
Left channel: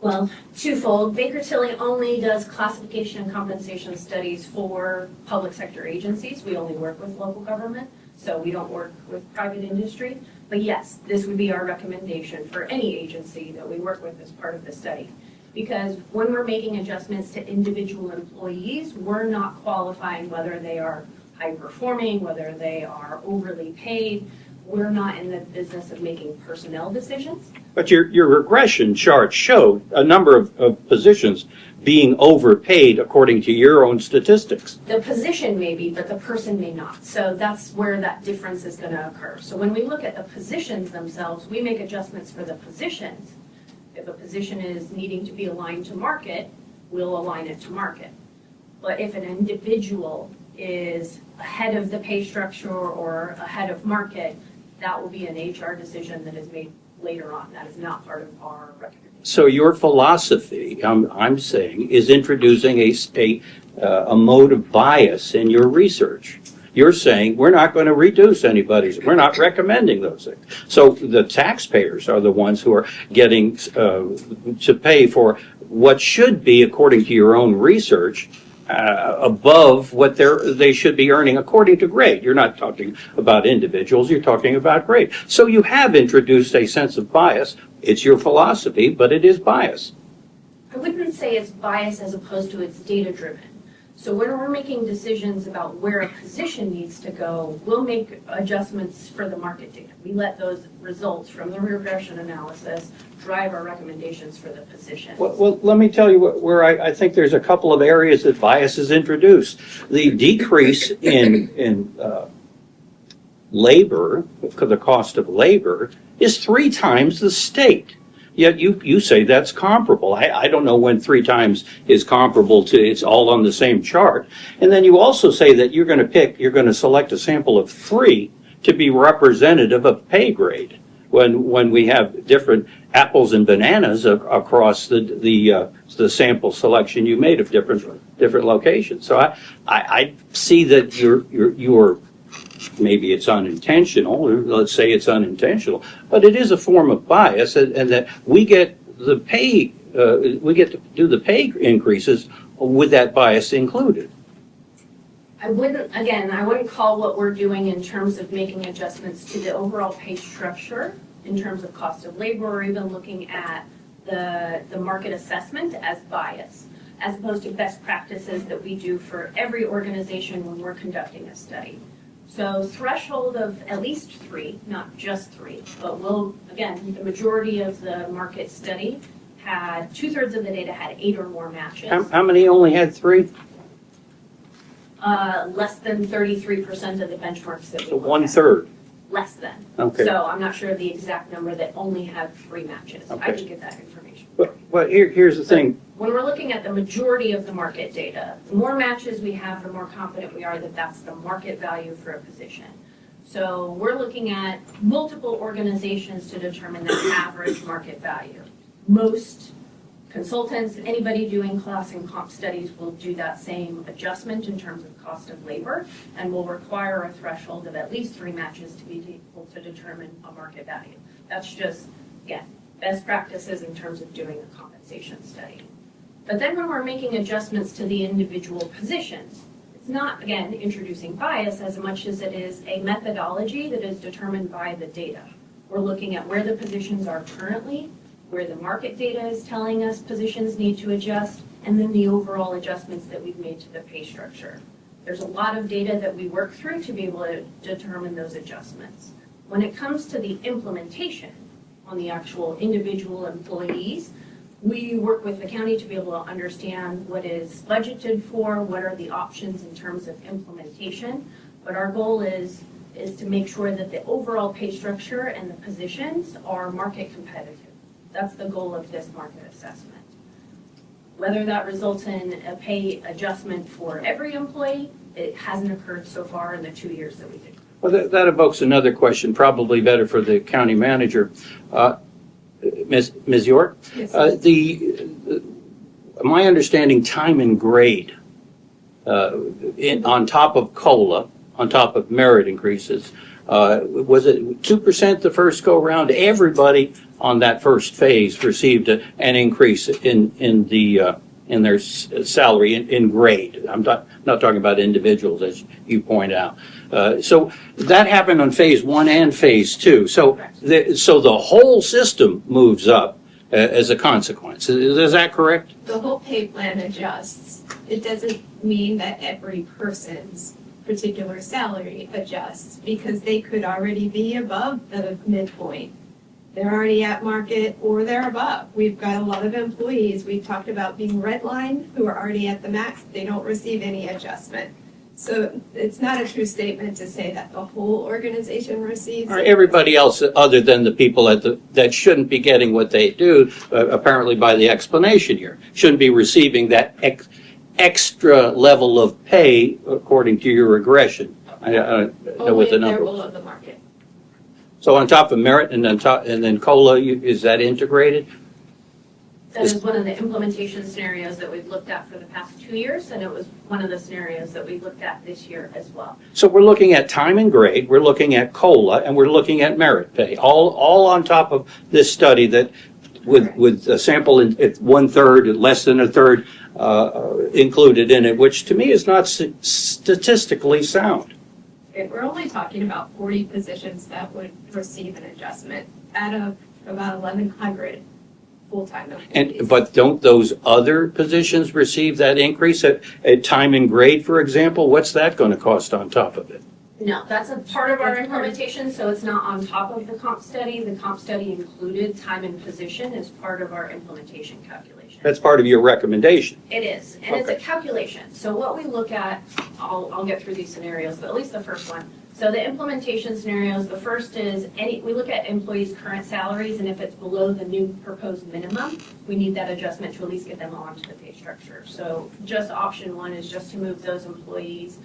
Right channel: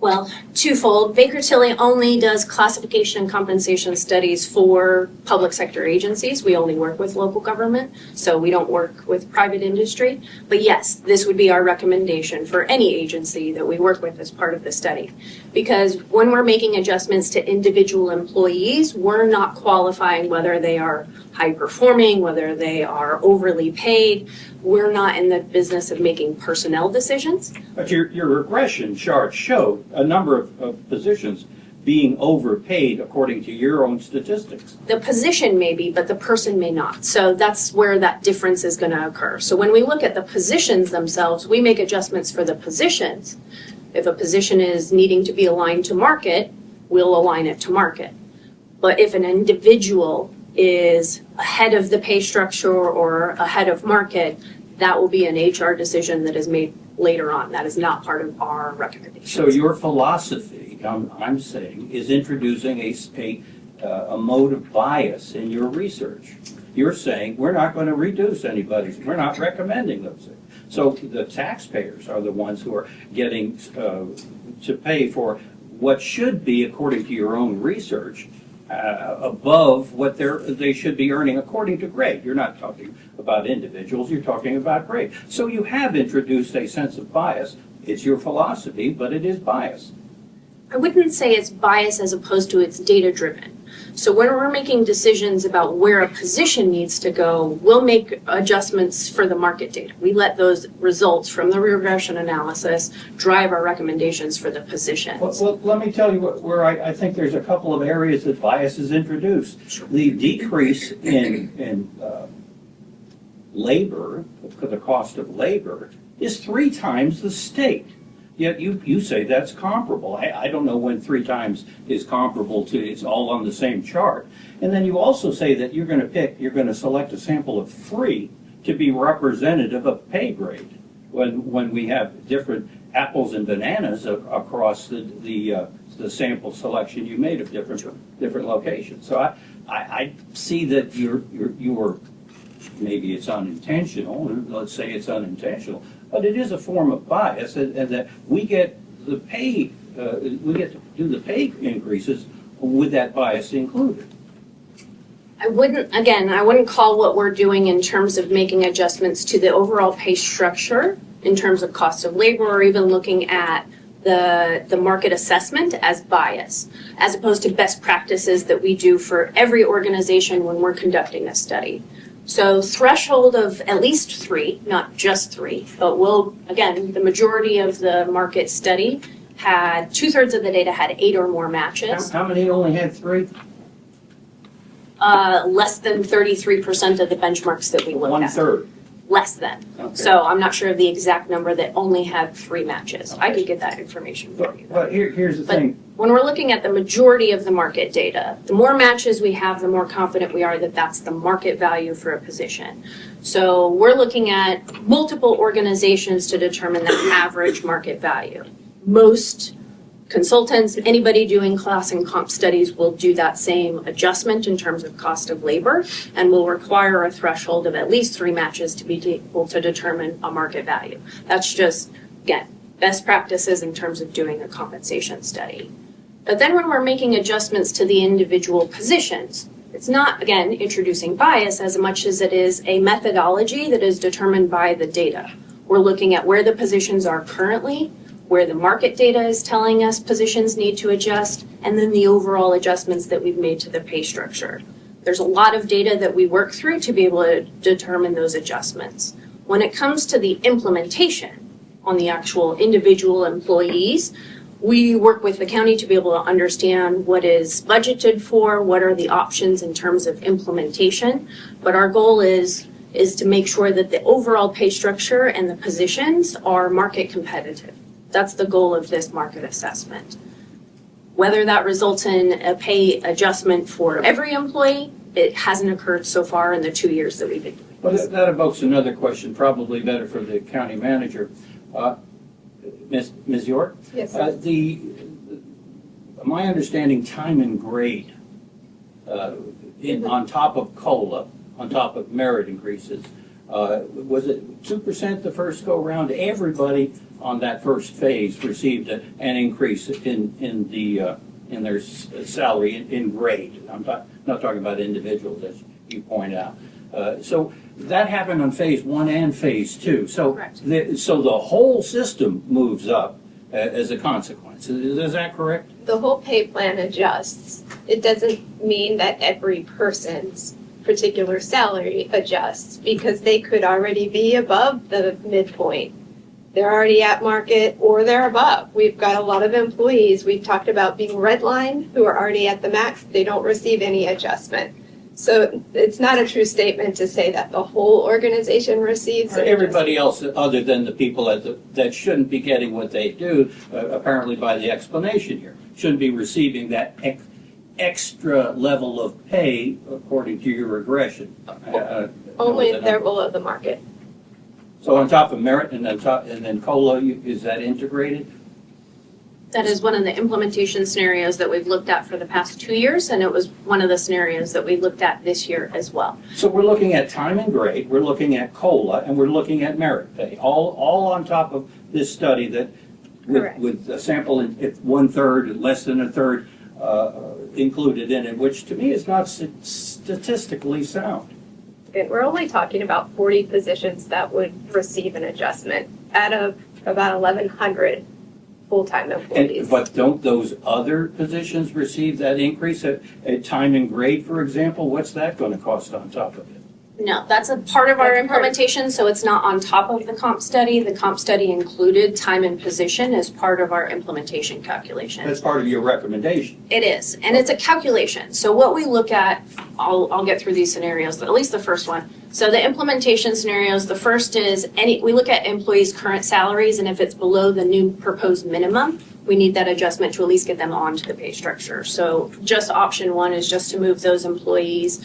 Well, twofold. Baker Tilly only does classification and compensation studies for public sector agencies. We only work with local government, so we don't work with private industry. But yes, this would be our recommendation for any agency that we work with as part of the study. Because when we're making adjustments to individual employees, we're not qualifying whether they are high performing, whether they are overly paid. We're not in the business of making personnel decisions. But your regression chart showed a number of positions being overpaid according to your own statistics. The position may be, but the person may not. So that's where that difference is going to occur. So when we look at the positions themselves, we make adjustments for the positions. If a position is needing to be aligned to market, we'll align it to market. But if an individual is ahead of the pay structure or ahead of market, that will be an HR decision that is made later on. That is not part of our recommendation. So your philosophy, I'm saying, is introducing a mode of bias in your research. You're saying we're not going to reduce anybody's, we're not recommending those things. So the taxpayers are the ones who are getting to pay for what should be, according to your own research, above what they should be earning according to grade. You're not talking about individuals, you're talking about grade. So you have introduced a sense of bias. It's your philosophy, but it is bias. I wouldn't say it's bias as opposed to it's data-driven. So when we're making decisions about where a position needs to go, we'll make adjustments for the market data. We let those results from the regression analysis drive our recommendations for the positions. Well, let me tell you where I think there's a couple of areas that bias is introduced. The decrease in labor, the cost of labor, is 3 times the state. Yet you say that's comparable. I don't know when 3 times is comparable to, it's all on the same chart. And then you also say that you're going to select a sample of 3 to be representative of pay grade when we have different apples and bananas across the sample selection you made of different locations. So I see that you're maybe it's unintentional, or let's say it's unintentional, but it is a form of bias, and that we get the pay, we get to do the pay increases with that bias included. I wouldn't call what we're doing in terms of making adjustments to the overall pay structure in terms of cost of labor or even looking at the market assessment as bias, as opposed to best practices that we do for every organization when we're conducting a study. So threshold of at least 3, not just 3, but the majority of the market study had 2/3 of the data had 8 or more matches. How many only had 3? Less than 33% of the benchmarks that we looked at. 1/3. less than. Okay. So I'm not sure of the exact number that only had 3 matches. I Okay. could get that information for you. But here's the thing. When we're looking at the majority of the market data, the more matches we have, the more confident we are that that's the market value for a position. So we're looking at multiple organizations to determine the average market value. Most consultants, anybody doing class and comp studies will do that same adjustment in terms of cost of labor and will require a threshold of at least 3 matches to be able to determine a market value. That's just, again, best practices in terms of doing a compensation study. But then when we're making adjustments to the individual positions, it's not, again, introducing bias as much as it is a methodology that is determined by the data. We're looking at where the positions are currently, where the market data is telling us positions need to adjust, and then the overall adjustments that we've made to the pay structure. There's a lot of data that we work through to be able to determine those adjustments. When it comes to the implementation on the actual individual employees, we work with the county to be able to understand what is budgeted for, what are the options in terms of implementation. But our goal is to make sure that the overall pay structure and the positions are market competitive. That's the goal of this market assessment. Whether that results in a pay adjustment for every employee, it hasn't occurred so far in the 2 years that we've been. Well, that evokes another question, probably better for the county manager. Ms. York? Yes. My understanding, time and grade, on top of COLA, on top of merit increases, was it 2% the first go-round? Everybody on that first phase received an increase in their salary in grade. I'm not talking about individuals, as you point out. So that happened on phase 1 and phase 2. So the whole system moves up as a consequence. Is that correct? The whole pay plan adjusts. It doesn't mean that every person's particular salary adjusts because they could already be above the midpoint. They're already at market or they're above. We've got a lot of employees, we've talked about being redlined, who are already at the max. They don't receive any adjustment. So it's not a true statement to say that the whole organization receives it. Everybody else, other than the people that shouldn't be getting what they do, apparently by the explanation here, shouldn't be receiving that extra level of pay according to your regression. Only if they're below the market. So on top of merit and then COLA, is that integrated? That is one of the implementation scenarios that we've looked at for the past 2 years, and it was one of the scenarios that we looked at this year as well. So we're looking at time and grade, we're looking at COLA, and we're looking at merit pay, all on top of this study that with a sample at 1/3, less than a third included in it, which to me is not statistically sound. We're only talking about 40 positions that would receive an adjustment out of about 1,100 full-time employees. But don't those other positions receive that increase at time and grade, for example? What's that going to cost on top of it? No, that's a part of our implementation, so it's not on top of the comp study. The comp study included time and position as part of our implementation calculation. That's part of your recommendation. It is, and it's a calculation. So what we look at, I'll get through these scenarios, at least the first one. So the implementation scenarios, the first is we look at employees' current salaries, and if it's below the new proposed minimum, we need that adjustment to at least get them onto the pay structure. So just option 1 is just to move those employees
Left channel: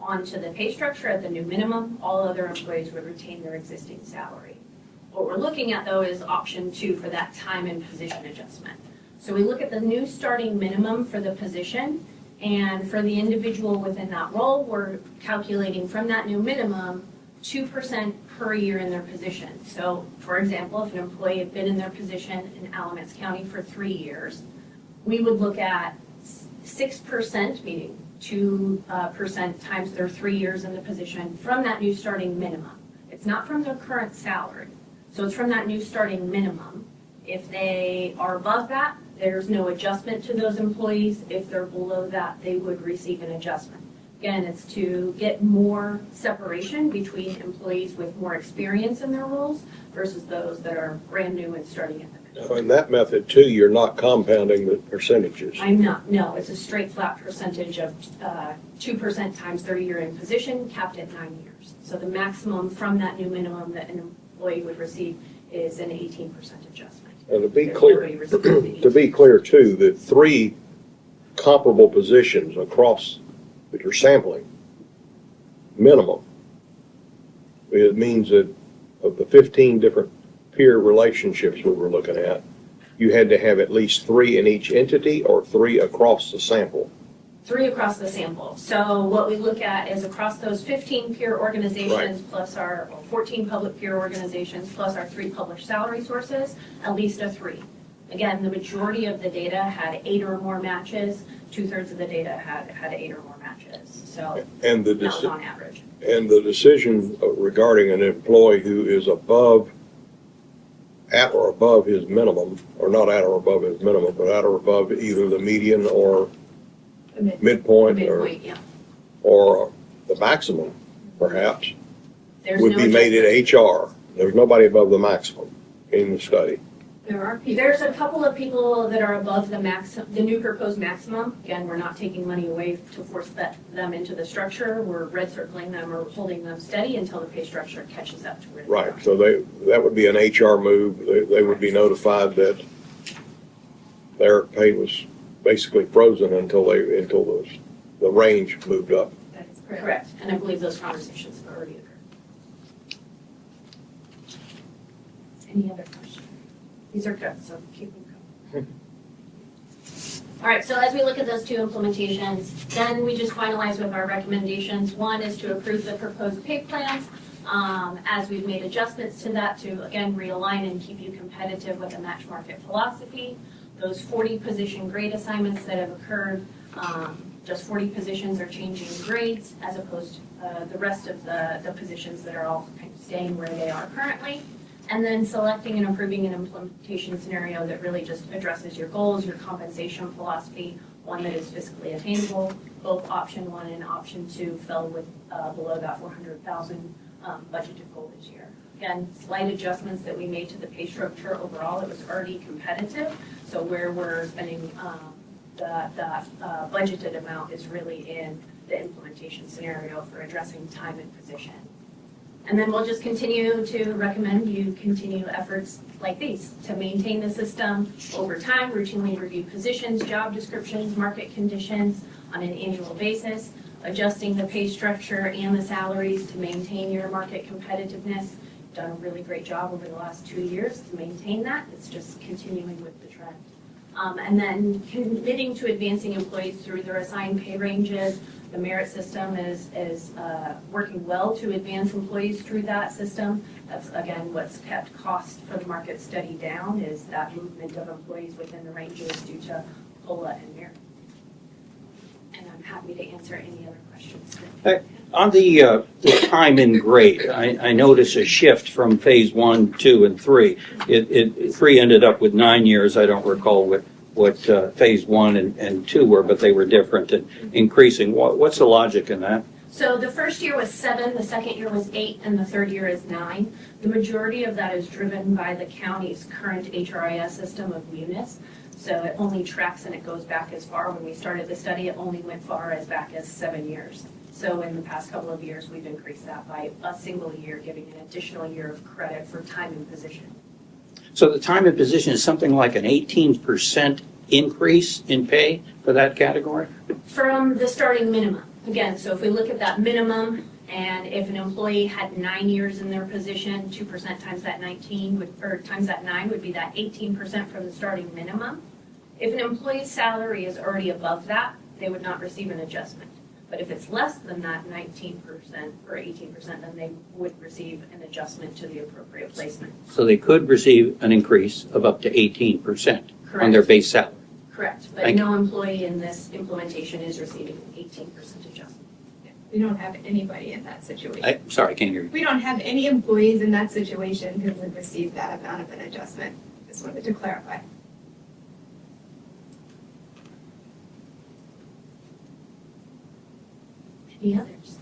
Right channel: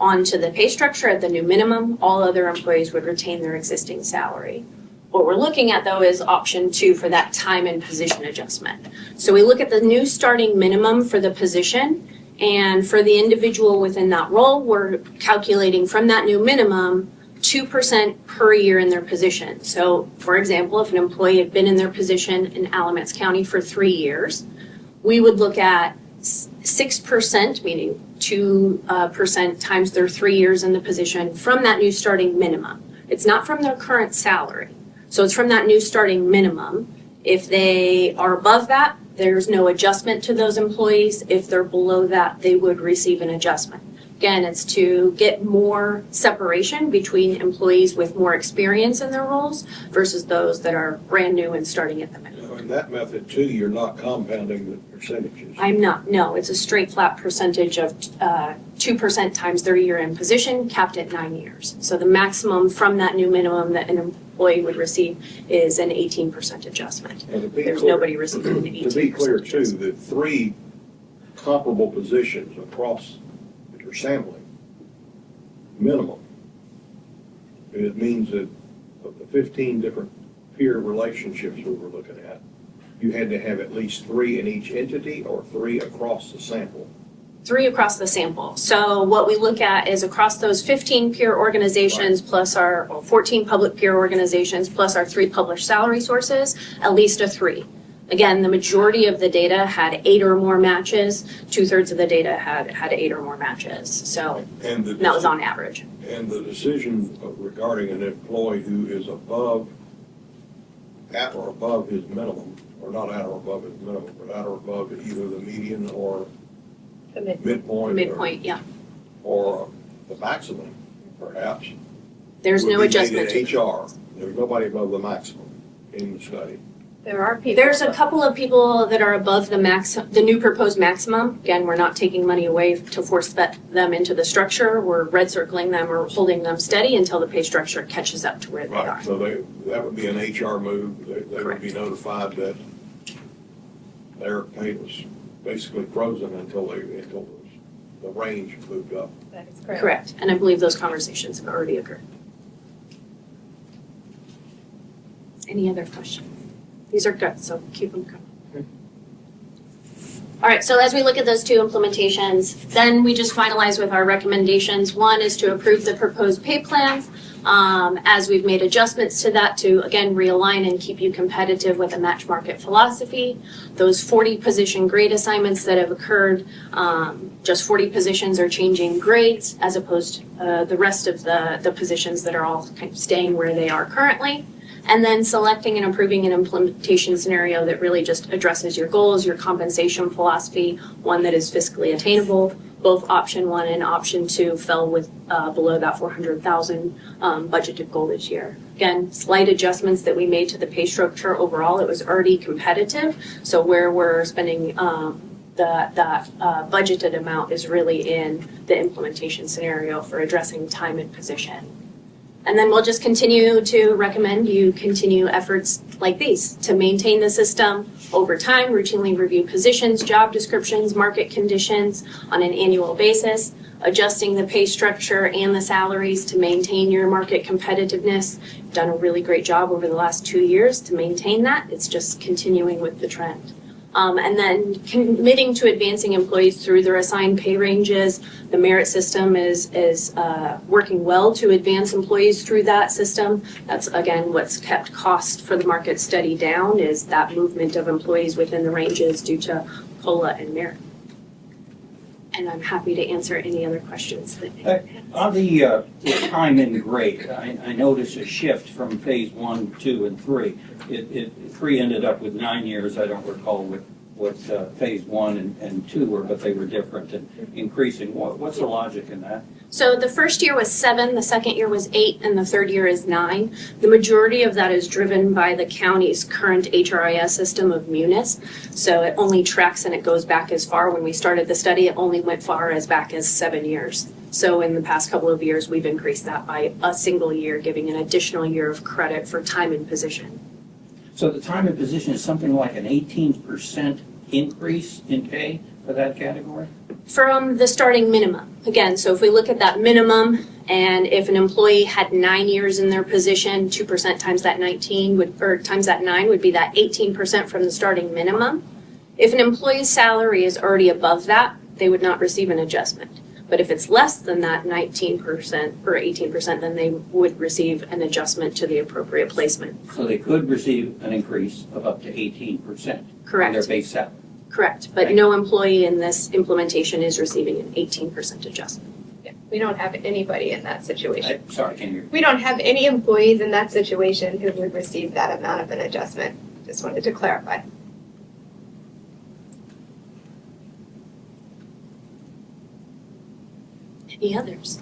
onto the pay structure at the new minimum. All other employees would retain their existing salary. What we're looking at, though, is option 2 for that time and position adjustment. So we look at the new starting minimum for the position, and for the individual within that role, we're calculating from that new minimum 2% per year in their position. So, for example, if an employee had been in their position in Alamance County for 3 years, we would look at 6%, meaning 2% times their 3 years in the position from that new starting minimum. It's not from their current salary. So it's from that new starting minimum. If they are above that, there's no adjustment to those employees. If they're below that, they would receive an adjustment. Again, it's to get more separation between employees with more experience in their roles versus those that are brand new and starting at the minimum. Now, in that method too, you're not compounding the percentages. I'm not, no, it's a straight flat percentage of 2% times 30-year in position, capped at 9 years. So the maximum from that new minimum that an employee would receive is an 18% adjustment. And to be There's clear, nobody receiving an 18%. to be clear too, the 3 comparable positions across that you're sampling, minimum. It means that of the 15 different peer relationships we were looking at, you had to have at least 3 in each entity or 3 across the sample. 3 across the sample. So what we look at is across those 15 peer organizations plus our 14 public peer organizations plus our 3 published salary sources, at least a 3. Again, the majority of the data had 8 or more matches. 2/3 of the data had 8 or more matches. So And the, that was on average. and the decision regarding an employee who is at or above his minimum, or not at or above his minimum, but at or above either the median or The mid- midpoint Midpoint, yeah. or the maximum, perhaps, There's would no be made adjustment. in HR. There's nobody above the maximum in the study. There are people. There's a couple of people that are above the new proposed maximum. Again, we're not taking money away to force them into the structure. We're red circling them or holding them steady until the pay structure catches up to where they are. Right, so that would be an HR move. They would be notified that their pay was basically frozen until the range moved up. That is correct. Correct, and I believe those conversations have already occurred. Any other questions? These are good, so keep them coming. All right, so as we look at those 2 implementations, then we just finalize with our recommendations. One is to approve the proposed pay plans, as we've made adjustments to that to, again, realign and keep you competitive with a match market philosophy. Those 40 position grade assignments that have occurred, just 40 positions are changing grades as opposed to the rest of the positions that are all kind of staying where they are currently. And then selecting and approving an implementation scenario that really just addresses your goals, your compensation philosophy, one that is fiscally attainable. Both option 1 and option 2 fell with below that 400,000 budgeted goal this year. Again, slight adjustments that we made to the pay structure overall. It was already competitive, so where we're spending that budgeted amount is really in the implementation scenario for addressing time and position. And then we'll just continue to recommend you continue efforts like these to maintain the system over time, routinely review positions, job descriptions, market conditions on an annual basis, adjusting the pay structure and the salaries to maintain your market competitiveness. You've done a really great job over the last 2 years to maintain that. It's just continuing with the trend. And then committing to advancing employees through their assigned pay ranges. The merit system is working well to advance employees through that system. That's, again, what's kept cost for the market study down is that movement of employees within the ranges due to COLA and merit. And I'm happy to answer any other questions that On the time and grade, I notice a shift from phase 1, 2, and 3. 3 ended up with 9 years. I don't recall what phase 1 and 2 were, but they were different and increasing. What's the logic in that? So the first year was 7, the second year was 8, and the third year is 9. The majority of that is driven by the county's current HRIS system of Munis. So it only tracks and it goes back as far. When we started the study, it only went far as back as 7 years. So in the past couple of years, we've increased that by a single year, giving an additional year of credit for time and position. So the time and position is something like an 18% increase in pay for that category? From the starting minimum. Again, so if we look at that minimum, and if an employee had 9 years in their position, 2% times that 9 would be that 18% from the starting minimum. If an employee's salary is already above that, they would not receive an adjustment. But if it's less than that 19% or 18%, then they would receive an adjustment to the appropriate placement. So they could receive an increase of up to 18% on Correct. their base salary. Correct, but Thank no employee in this implementation is receiving an 18% adjustment. Yeah, we don't have anybody in that situation. Sorry, I can't hear you. We don't have any employees in that situation who would receive that amount of an adjustment. Just wanted to clarify. Any others?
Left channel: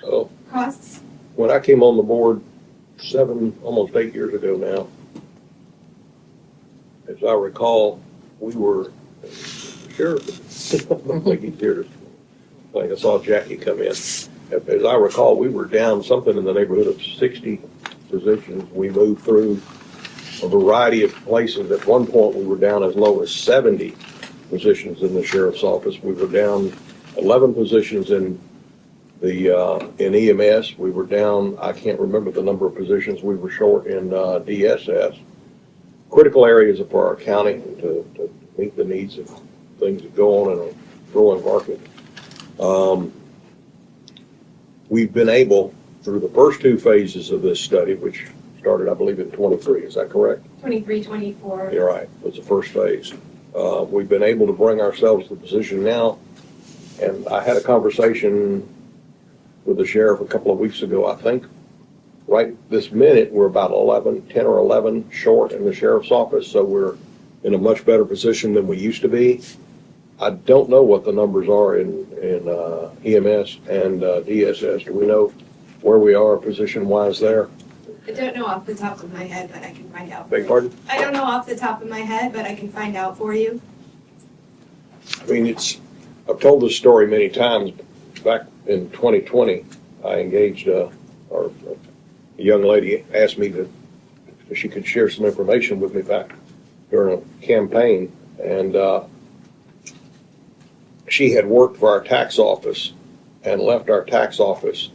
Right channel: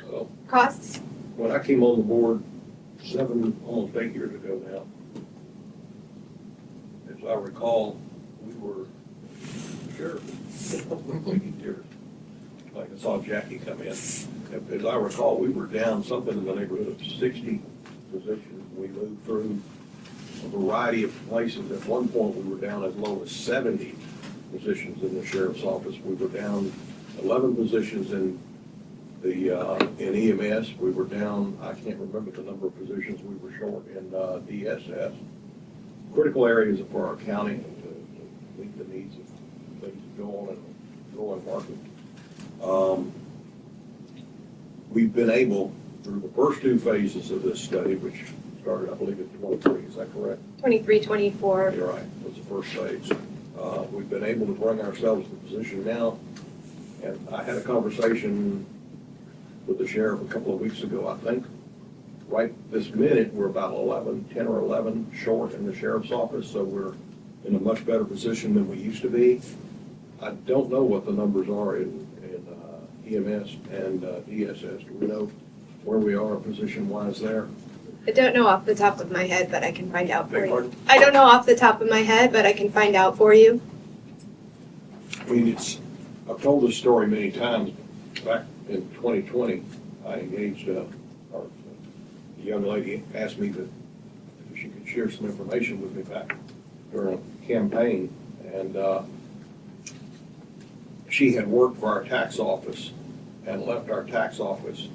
So, Costs? when I came on the board almost 8 years ago now, as I recall, we were, sure, I think he's here. I think I saw Jackie come in. As I recall, we were down something in the neighborhood of 60 positions. We moved through a variety of places. At one point, we were down as low as 70 positions in the sheriff's office. We were down 11 positions in EMS. We were down, I can't remember the number of positions we were short in DSS. Critical areas for our county to meet the needs of things that go on in a growing market. We've been able, through the first two phases of this study, which started, I believe, in 23, is that correct? 23, 24. You're right, was the first phase. We've been able to bring ourselves to the position now, and I had a conversation with the sheriff a couple of weeks ago, I think. Right this minute, we're about 10 or 11 short in the sheriff's office, so we're in a much better position than we used to be. I don't know what the numbers are in EMS and DSS. Do we know where we are position-wise there? I don't know off the top of my head, but I can find out for Beg you. pardon? I don't know off the top of my head, but I can find out for you. I mean, I've told this story many times. Back in 2020, I engaged, a young lady asked me if she could share some information with me back during a campaign. And she had worked for our tax office and left our tax office,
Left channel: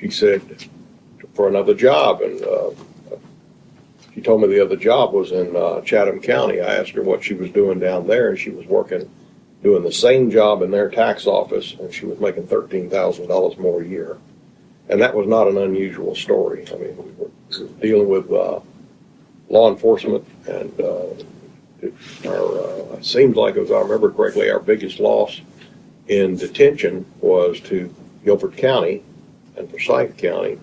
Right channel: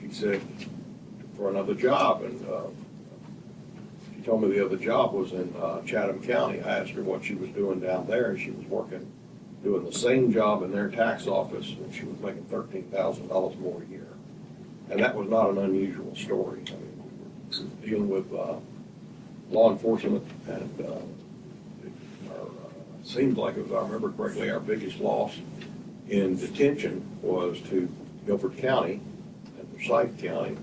she said, for another job. And she told me the other job was in Chatham County. I asked her what she was doing down there, and she was doing the same job in their tax office, and she was making $13,000 more a year. And that was not an unusual story. I mean, we were dealing with law enforcement, and it seems like, if I remember correctly, our biggest loss in detention was to Guilford County and Forsyth County,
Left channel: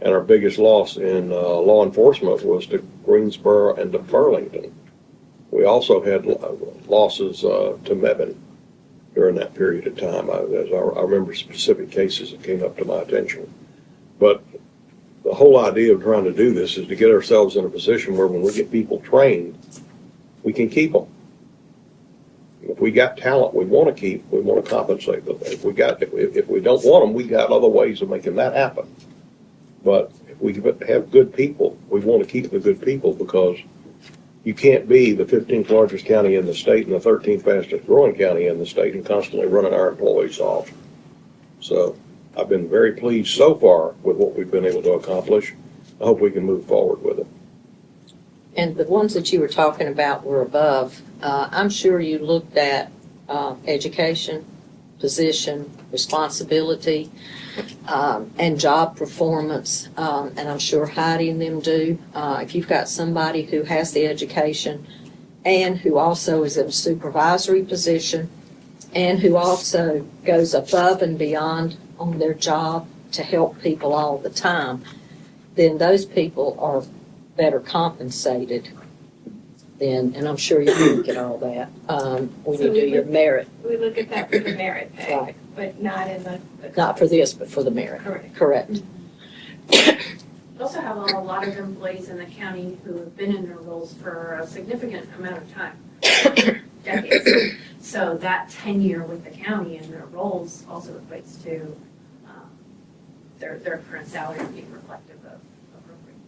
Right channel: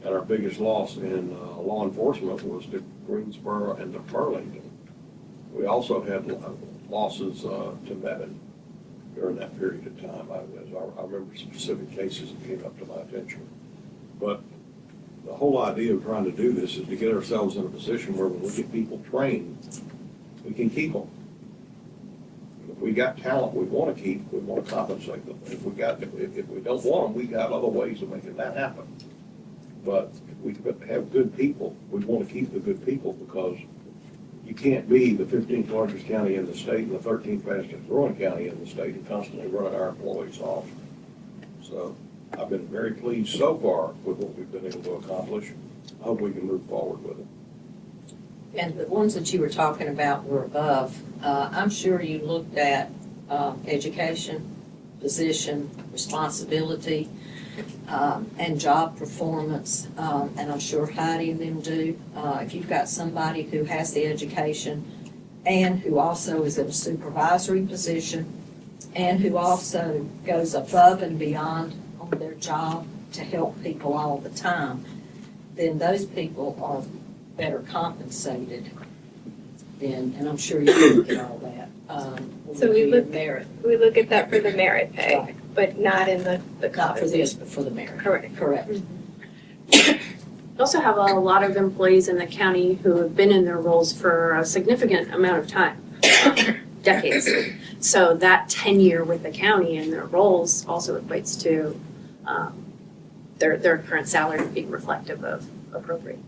and our biggest loss in law enforcement was to Greensboro and to Burlington. We also had losses to Mebane during that period of time. I remember specific cases that came up to my attention. But the whole idea of trying to do this is to get ourselves in a position where when we get people trained, we can keep them. If we got talent we want to keep, we want to compensate them. If we don't want them, we got other ways of making that happen. But if we have good people, we want to keep the good people, because you can't be the 15th largest county in the state and the 13th fastest growing county in the state and constantly running our employees off. So I've been very pleased so far with what we've been able to accomplish. I hope we can move forward with it. And the ones that you were talking about were above. I'm sure you looked at education, position, responsibility, and job performance, and I'm sure Heidi and them do. If you've got somebody who has the education and who also is in a supervisory position and who also goes above and beyond on their job to help people all the time, then those people are better compensated. And I'm sure you look at all that when So you we do your look- merit. We look at that for the merit pay, Right. but not in the Not for this, but for the merit. Correct. Correct. We also have a lot of employees in the county who have been in their roles for a significant amount of time, decades. So that tenure with the county and their roles also equates to their current salary being reflective of appropriate.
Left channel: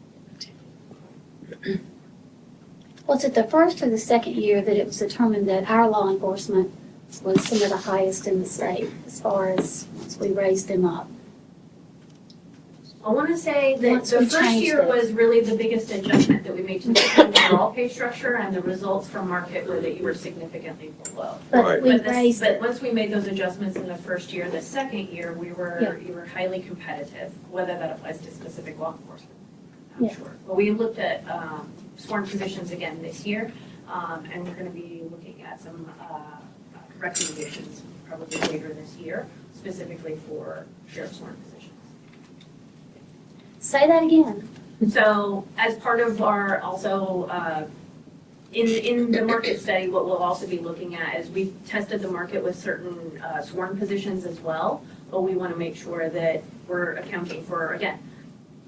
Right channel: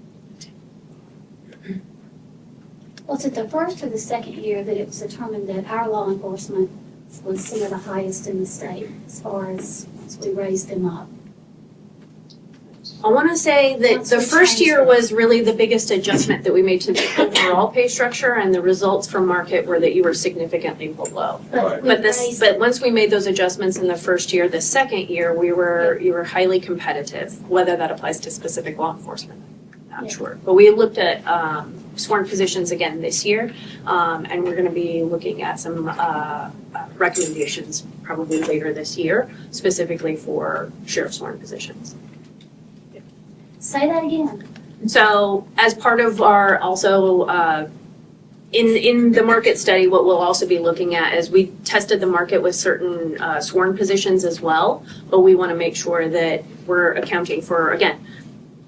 Was it the first or the second year that it was determined that our law enforcement was some of the highest in the state as far as once we raised them up? I want to say that Once the we first changed year it. was really the biggest adjustment that we made to the overall pay structure, and the results from market were that you were significantly below. Right. We But raised but once we made those adjustments in the first year, the second year, you were highly competitive. Whether that applies to specific law enforcement, Yeah. not sure. But we looked at sworn positions again this year, and we're going to be looking at some recommendations probably later this year, specifically for sheriff sworn positions. Say that again. So as part of our also In the market study, what we'll also be looking at is we tested the market with certain sworn positions as well, but we want to make sure that we're accounting for, again,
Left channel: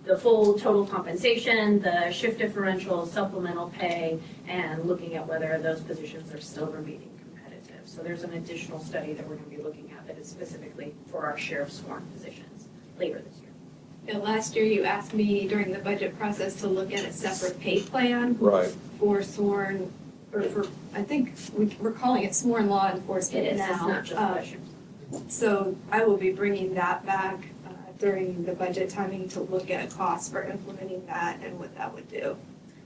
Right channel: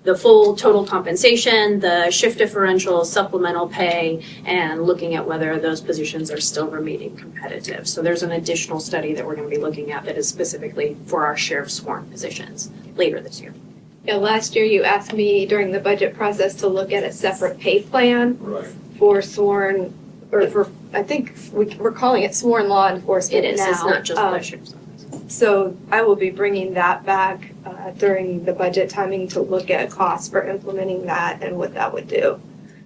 the full total compensation, the shift differential, supplemental pay, and looking at whether those positions are still remaining competitive. So there's an additional study that we're going to be looking at that is specifically for our share of sworn positions later this year. Yeah, last year you asked me during the budget process to look at a separate pay plan Right. for sworn, or for, I think we're calling it sworn law enforcement It is, now. it's not just the sheriff's. So I will be bringing that back during the budget timing to look at costs for implementing that and what that would do.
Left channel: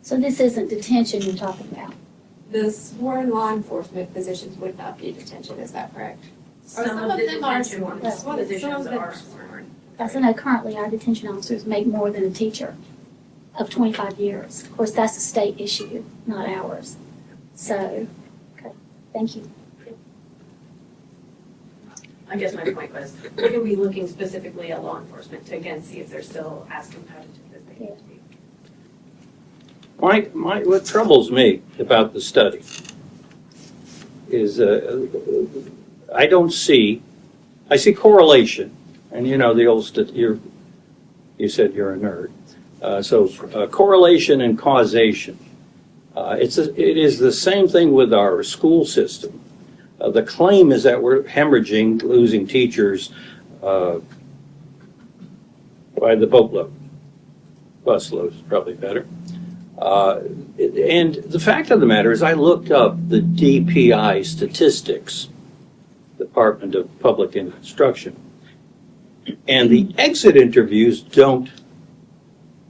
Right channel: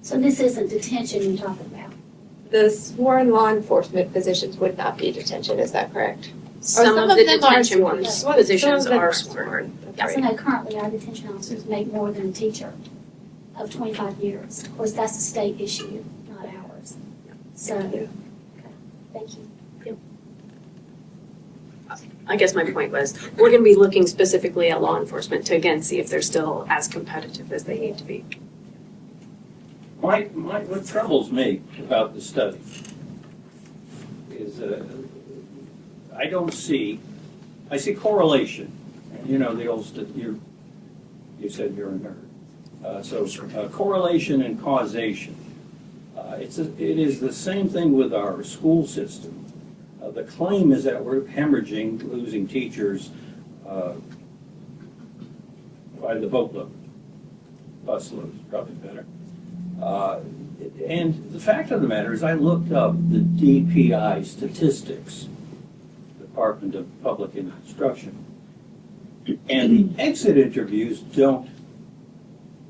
So this isn't detention you're talking about? The sworn law enforcement positions would not be detention, is that correct? Some of the them are detention sworn. ones, Some of positions them are sworn. Because I know currently our detention officers make more than a teacher of 25 years. Of course, that's a state issue, not ours. So, okay, thank you. I guess my point was, we're going to be looking specifically at law enforcement to again see if they're still as competitive as they need to be. What troubles me about the study is I see correlation, and you know the old you said you're a nerd, so correlation and causation. It is the same thing with our school system. The claim is that we're hemorrhaging, losing teachers by the boatload. Busload is probably better. And the fact of the matter is I looked up the DPI statistics, Department of Public Instruction, and the exit interviews don't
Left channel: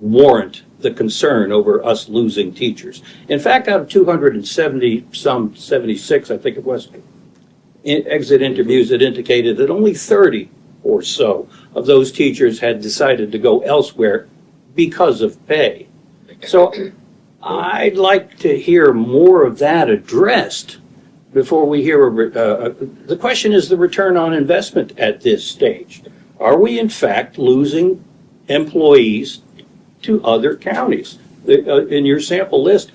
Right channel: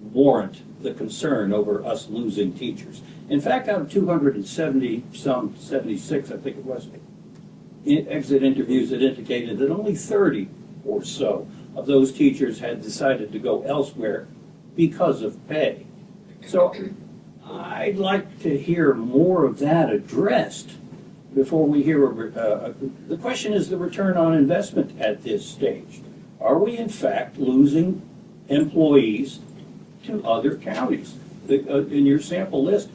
warrant the concern over us losing teachers. In fact, out of 76, I think it was, exit interviews that indicated that only 30 or so of those teachers had decided to go elsewhere because of pay. So I'd like to hear more of that addressed before we hear the question is the return on investment at this stage. Are we in fact losing employees to other counties? In your sample list,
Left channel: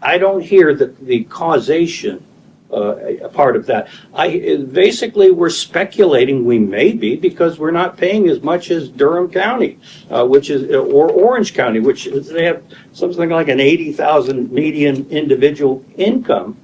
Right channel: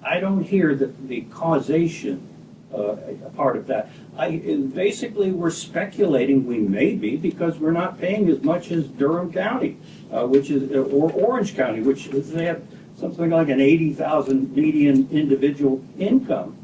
I don't hear the causation a part of that. Basically, we're speculating we may be because we're not paying as much as Durham County, or Orange County, which they have something like an 80,000 median individual income,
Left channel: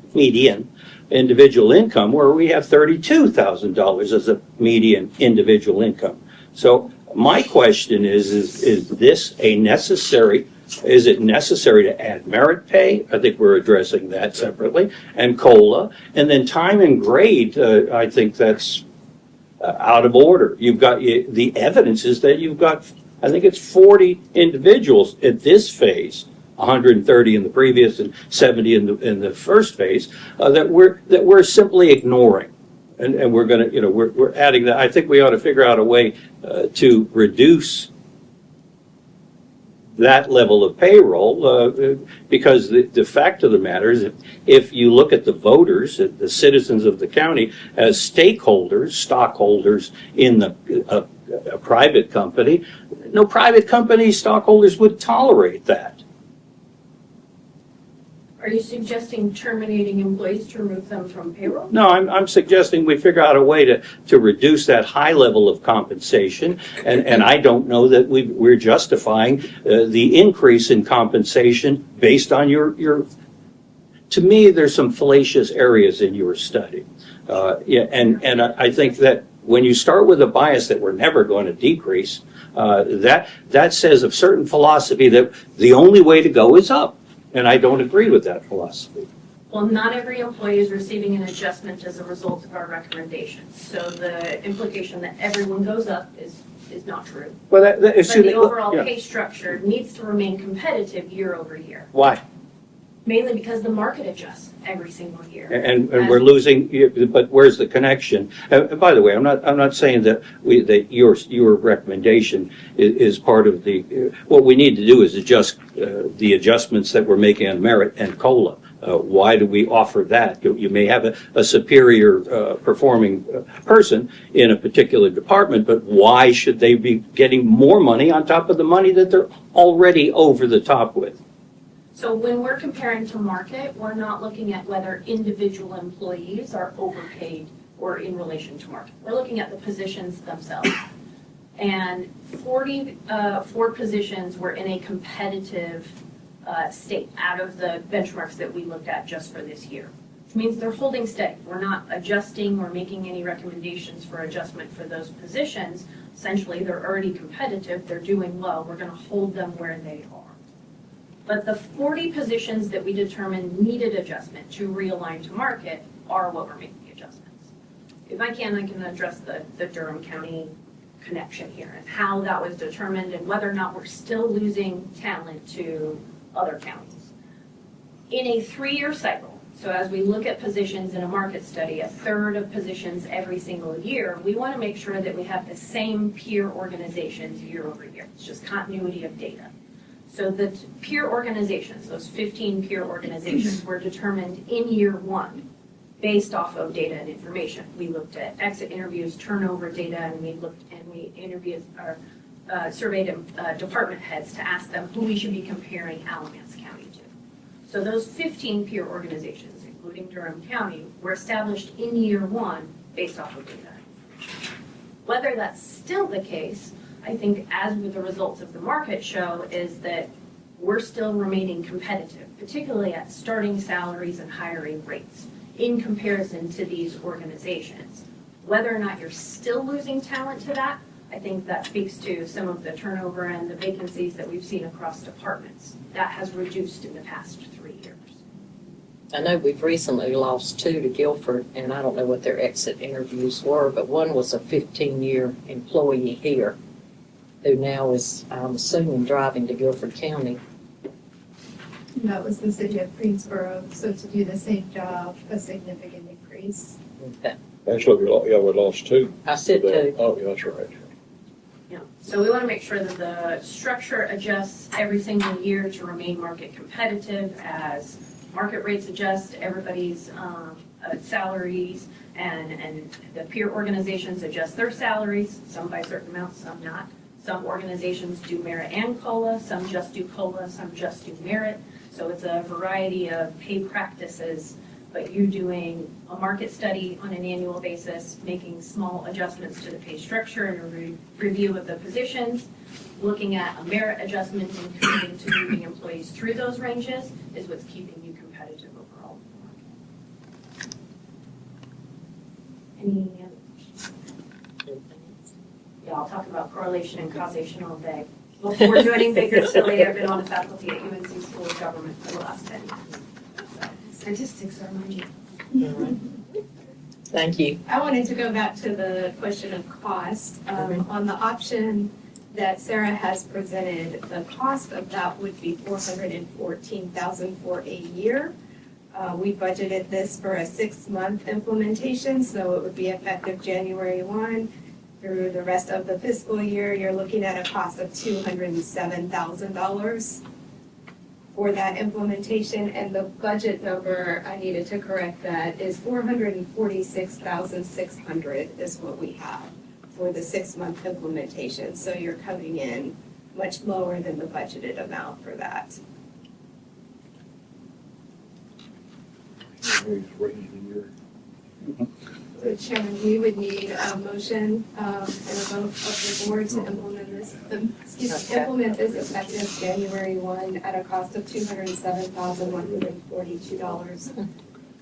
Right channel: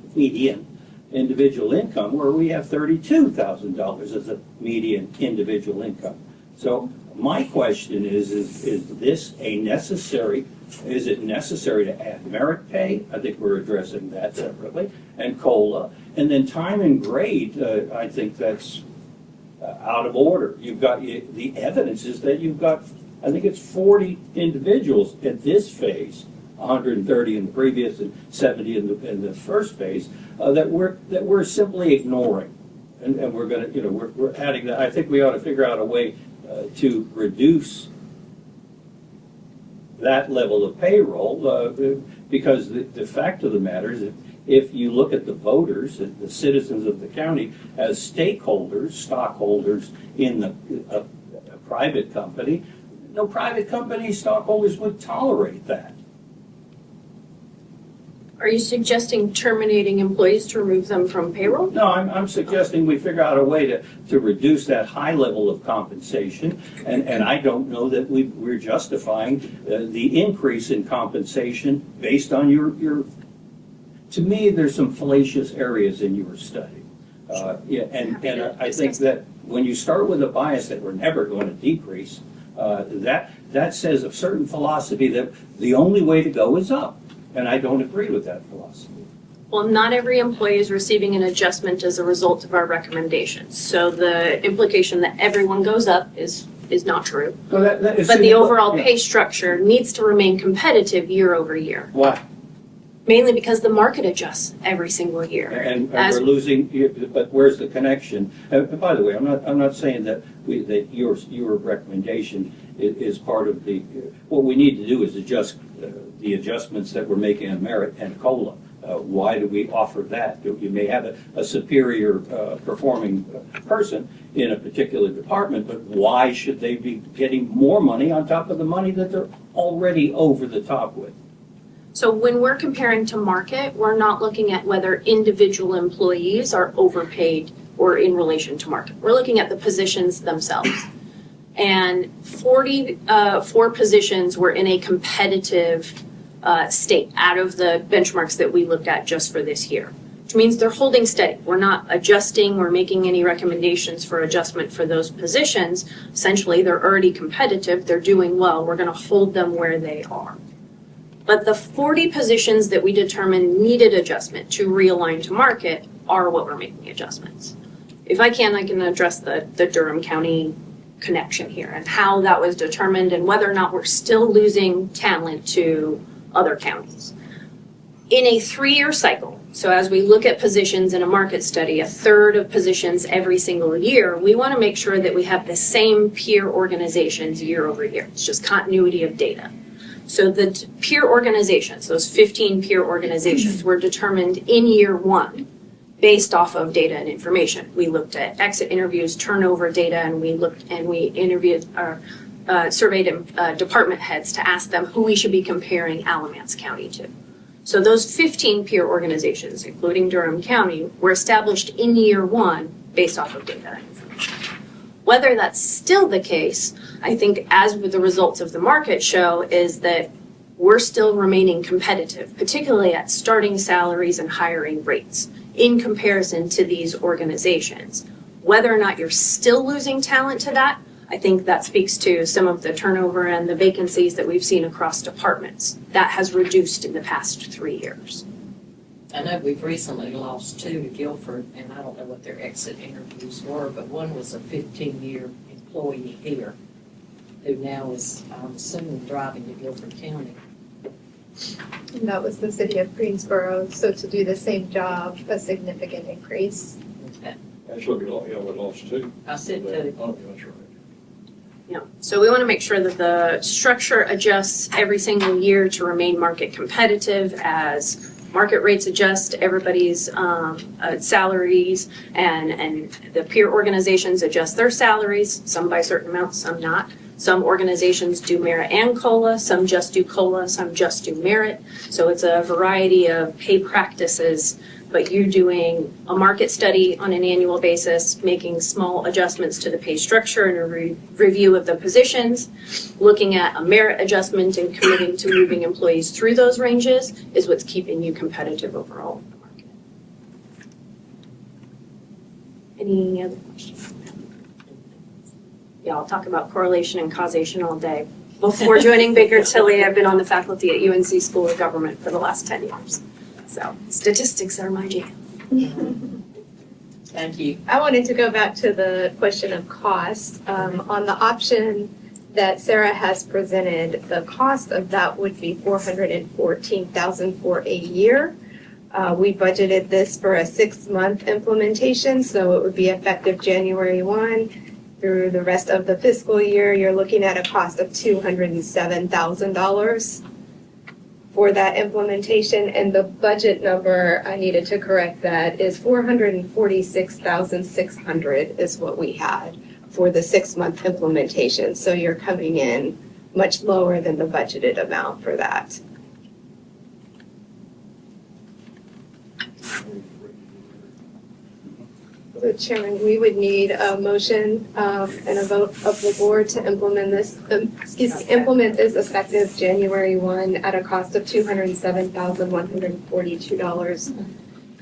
where we have $32,000 as a median individual income. So my question is this a necessary? Is it necessary to add merit pay? I think we're addressing that separately. And COLA. And then time and grade, I think that's out of order. You've got, the evidence is that you've got, I think it's 40 individuals at this phase, 130 in the previous and 70 in the first phase, that we're simply ignoring. And we're going to, we're adding that. I think we ought to figure out a way to reduce that level of payroll, because the fact of the matter is if you look at the voters, the citizens of the county as stakeholders, stockholders in a private company, no private company stockholders would tolerate that. Are you suggesting terminating employees to remove them from payroll? No, I'm suggesting we figure out a way to reduce that high level of compensation, and I don't know that we're justifying the increase in compensation based on your. To me, there's some fallacious areas in your study, and I think that when you start with a bias that we're never going to decrease, that says a certain philosophy that the only way to go is up. And I don't agree with that philosophy. Well, not every employee is receiving an adjustment as a result of our recommendations. So the implication that everyone goes up is not true. But the overall pay structure needs to remain competitive year over year. Why? Mainly because the market adjusts every single year. And we're losing. But where's the connection? By the way, I'm not saying that your recommendation is part of the. What we need to do is adjust the adjustments that we're making on merit and COLA. Why do we offer that? You may have a superior performing person in a particular department, but why should they be getting more money on top of the money that they're already over the top with? So when we're comparing to market, we're not looking at whether individual employees are overpaid or in relation to market. We're looking at the positions themselves. And 44 positions were in a competitive state out of the benchmarks that we looked at just for this year, which means they're holding steady. We're not adjusting or making any recommendations for adjustment for those positions. Essentially, they're already competitive, they're doing well, we're gonna hold them where they are. But the 40 positions that we determined needed adjustment to realign to market are what we're making adjustments. If I can address the Durham County connection here and how that was determined and whether or not we're still losing talent to other counties. In a 3-year cycle, so as we look at positions in a market study, a third of positions every single year, we want to make sure that we have the same peer organizations year over year. It's just continuity of data. So the peer organizations, those 15 peer organizations, were determined in year 1 based off of data and information. We looked at exit interviews, turnover data, and we interviewed or surveyed department heads to ask them who we should be comparing Alamance County to. So those 15 peer organizations, including Durham County, were established in year 1 based off of data and information. Whether that's still the case, I think as with the results of the market show, is that we're still remaining competitive, particularly at starting salaries and hiring rates in comparison to these organizations. Whether or not you're still losing talent to that, I think that speaks to some of the turnover and the vacancies that we've seen across departments. That has reduced in the past 3 years. I know we've recently lost 2 to Guilford, and I don't know what their exit interviews were, but one was a 15-year employee here who now is, I'm assuming, driving to Guilford County. And that was the city of Greensboro, so to do the same job, a significant increase. Okay. Actually, we lost 2. I said 2. Oh, yeah, that's right. Yeah, so we want to make sure that the structure adjusts every single year to remain market competitive as market rates adjust, everybody's salaries and the peer organizations adjust their salaries, some by certain amounts, some not. Some organizations do merit and COLA, some just do COLA, some just do merit. So it's a variety of pay practices, but you're doing a market study on an annual basis, making small adjustments to the pay structure and a review of the positions, looking at a merit adjustment and committing to moving employees through those ranges is what's keeping you competitive overall. Any other questions? Yeah, I'll talk about correlation and causation all day. Before joining Baker Tilly, I've been on the faculty at UNC School of Government for the last 10 years. So statistics are my jam. Thank you. I wanted to go back to the question of cost. On the option that Sarah has presented, the cost of that would be $414,000 for a year. We budgeted this for a 6-month implementation, so it would be effective January 1 through the rest of the fiscal year. You're looking at a cost of $207,000 for that implementation, and the budget number, I needed to correct that, is $446,600 is what we had for the 6-month implementation. So you're coming in much lower than the budgeted amount for that. So Chairman, we would need a motion and a vote of the board to implement this, implement this effective January 1 at a cost of $207,142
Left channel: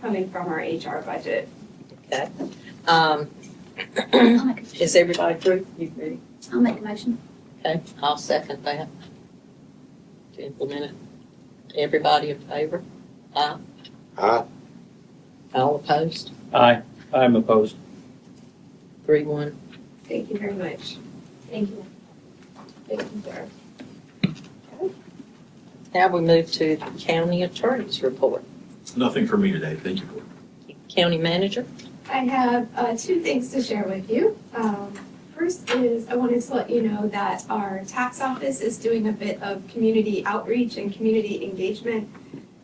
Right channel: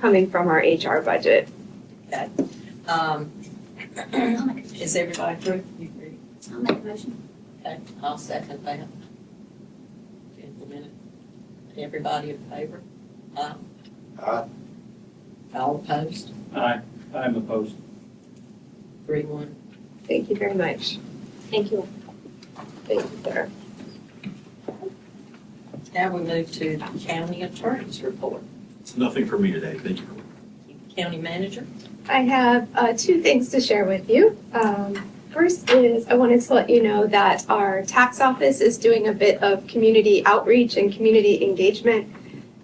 coming from our HR budget. Okay. Is everybody through? You ready? I'll make a motion. Okay, I'll second that. To implement it. Everybody in favor? Aye. Aye. All opposed? Aye, I'm opposed. 3-1. Thank you very much. Thank you. Thank you, Sarah. Now we move to the county attorney's report. Nothing for me today, thank you. County manager? I have 2 things to share with you. First is I wanted to let you know that our tax office is doing a bit of community outreach and community engagement.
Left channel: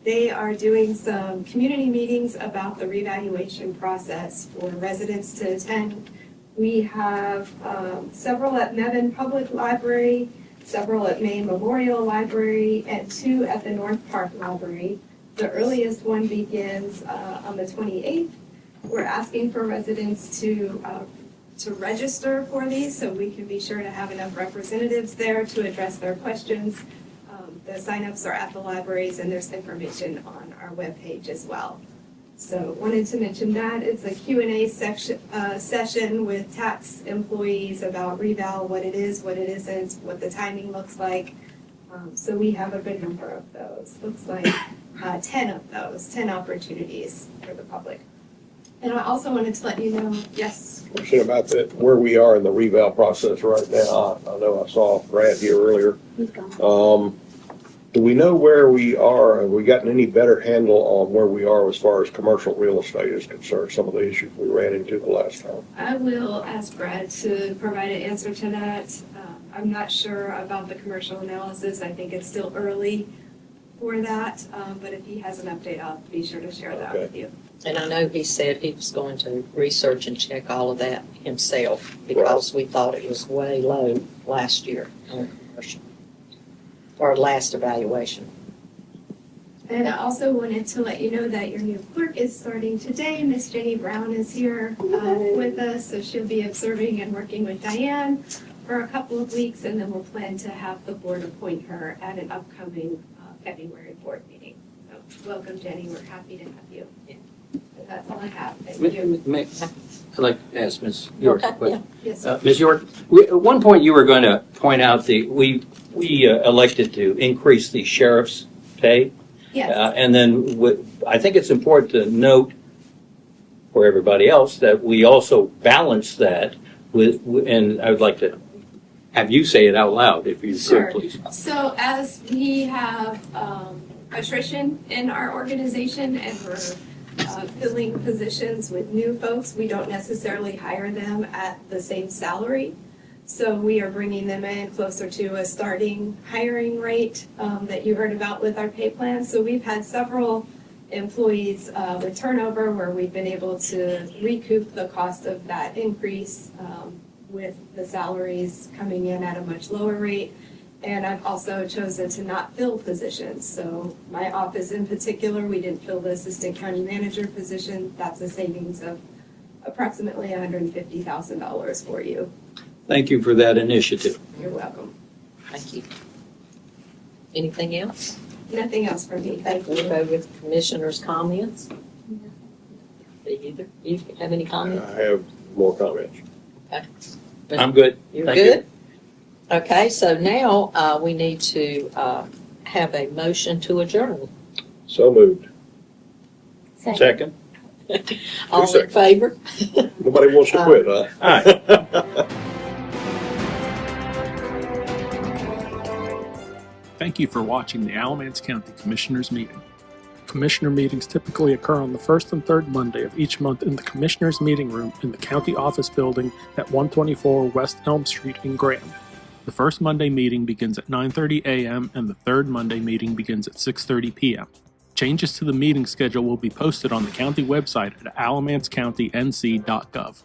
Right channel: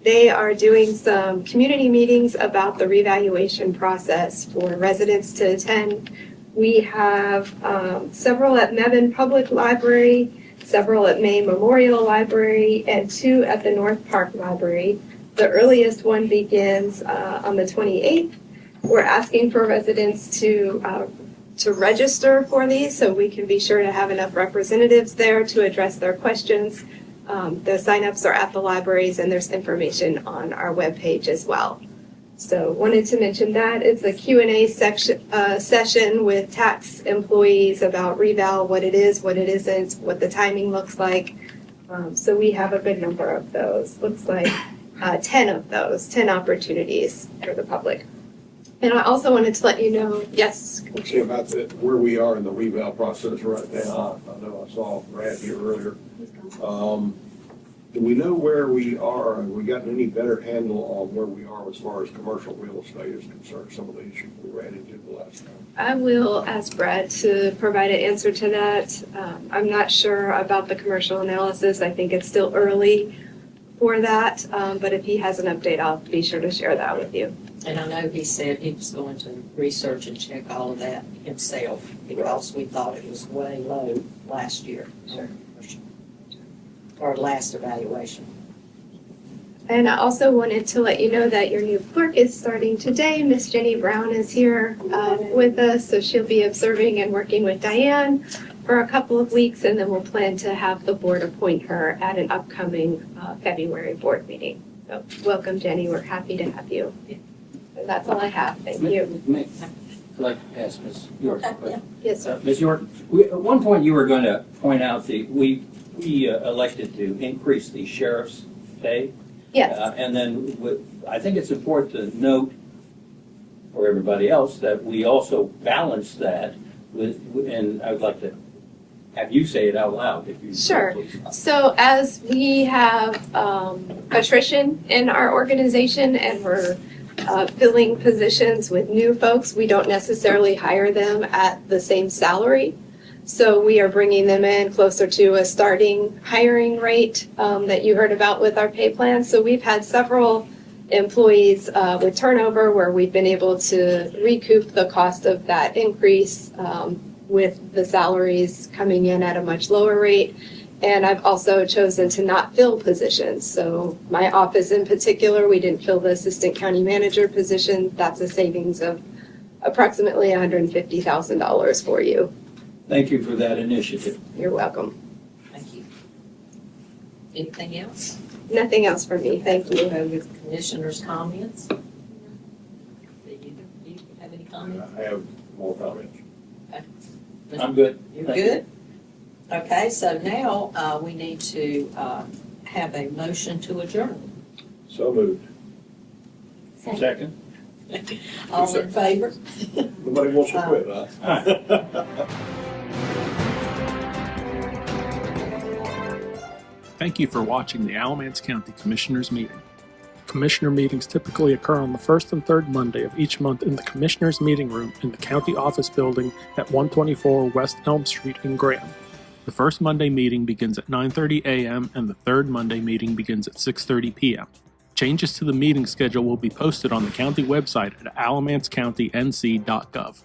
They are doing some community meetings about the revaluation process for residents to attend. We have several at Mebane Public Library, several at May Memorial Library, and 2 at the North Park Library. The earliest one begins on the 28th. We're asking for residents to register for these so we can be sure to have enough representatives there to address their questions. The signups are at the libraries and there's information on our webpage as well. So wanted to mention that. It's a Q&A session with tax employees about reval, what it is, what it isn't, what the timing looks like. So we have a good number of those. Looks like 10 of those, 10 opportunities for the public. And I also wanted to let you know, yes. See about where we are in the reval process right now. I know I saw Brad here earlier. He's gone. Do we know where we are? Have we gotten any better handle on where we are as far as commercial real estate is concerned? Some of the issues we ran into the last time. I will ask Brad to provide an answer to that. I'm not sure about the commercial analysis. I think it's still early for that. But if he has an update, I'll be sure to share that with you. And I know he said he was going to research and check all of that himself because we thought it was way low last year on commercial, or last evaluation. And I also wanted to let you know that your new clerk is starting today. Miss Jenny Brown is here with us, so she'll be observing and working with Diane for a couple of weeks, and then we'll plan to have the board appoint her at an upcoming February board meeting. So welcome, Jenny. We're happy to have you. And that's all I have. Thank you. I'd like to ask Ms. York a Okay, question. Yes, sir. Ms. York, at one point you were going to point out we elected to increase the sheriff's pay. Yes. And then I think it's important to note for everybody else that we also balance that with, and I would like to have you say it out loud if you Sure. could, please. So as we have attrition in our organization and we're filling positions with new folks, we don't necessarily hire them at the same salary. So we are bringing them in closer to a starting hiring rate that you heard about with our pay plan. So we've had several employees with turnover where we've been able to recoup the cost of that increase with the salaries coming in at a much lower rate. And I've also chosen to not fill positions. So my office in particular, we didn't fill the assistant county manager position. That's a savings of approximately $150,000 for you. Thank you for that initiative. You're welcome. Thank you. Anything else? Nothing else for me. Thank We'll you. go with commissioners' comments. Either, you have any comments? I have more comments. I'm good. You're Thank you. good? Okay, so now we need to have a motion to adjourn. So moved. Second. All in favor? Nobody wants to quit, huh? Aye. Thank you for watching the Alamance County Commissioners Meeting. Commissioner meetings typically occur on the first and third Monday of each month in the Commissioners Meeting Room in the County Office Building at 124 West Elm Street in Graham. The first Monday meeting begins at 9:30 a.m. and the third Monday meeting begins at 6:30 p.m. Changes to the meeting schedule will be posted on the county website at alamancecountync.gov.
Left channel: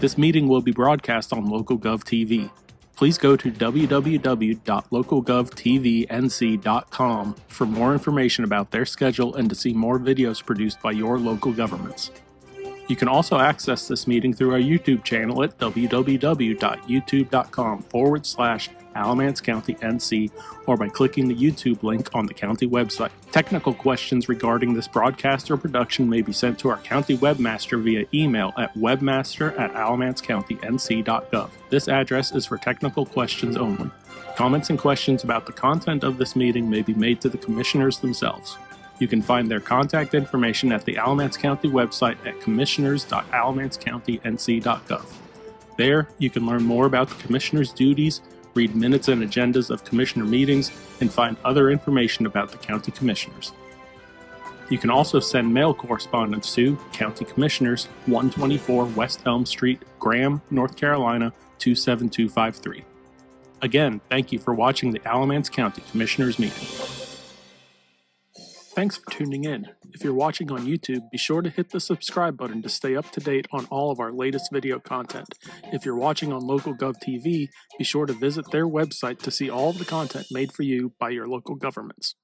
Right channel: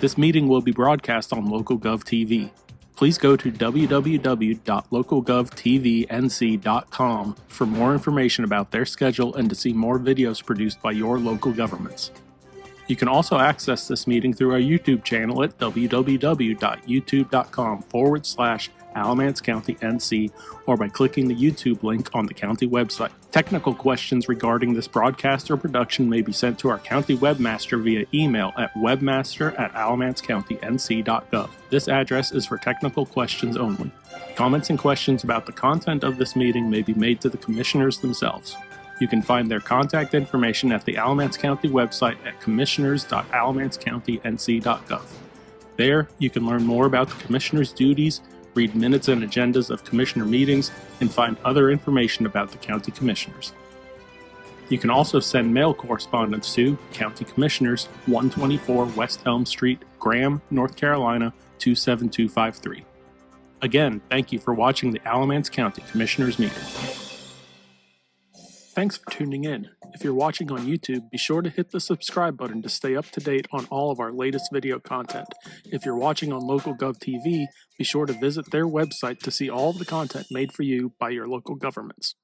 This meeting will be broadcast on LocalGov TV. Please go to www.localgovtvnc.com for more information about their schedule and to see more videos produced by your local governments. You can also access this meeting through our YouTube channel at www.youtube.com/Alamance County NC or by clicking the YouTube link on the county website. Technical questions regarding this broadcast or production may be sent to our county webmaster via email at webmaster@alamancecountync.gov. This address is for technical questions only. Comments and questions about the content of this meeting may be made to the commissioners themselves. You can find their contact information at the Alamance County website at commissioners.alamancecountync.gov. There, you can learn more about the commissioners' duties, read minutes and agendas of commissioner meetings, and find other information about the county commissioners. You can also send mail correspondence to County Commissioners, 124 West Elm Street, Graham, North Carolina, 27253. Again, thank you for watching the Alamance County Commissioners Meeting. Thanks for tuning in. If you're watching on YouTube, be sure to hit the subscribe button to stay up to date on all of our latest video content. If you're watching on LocalGov TV, be sure to visit their website to see all of the content made for you by your local governments.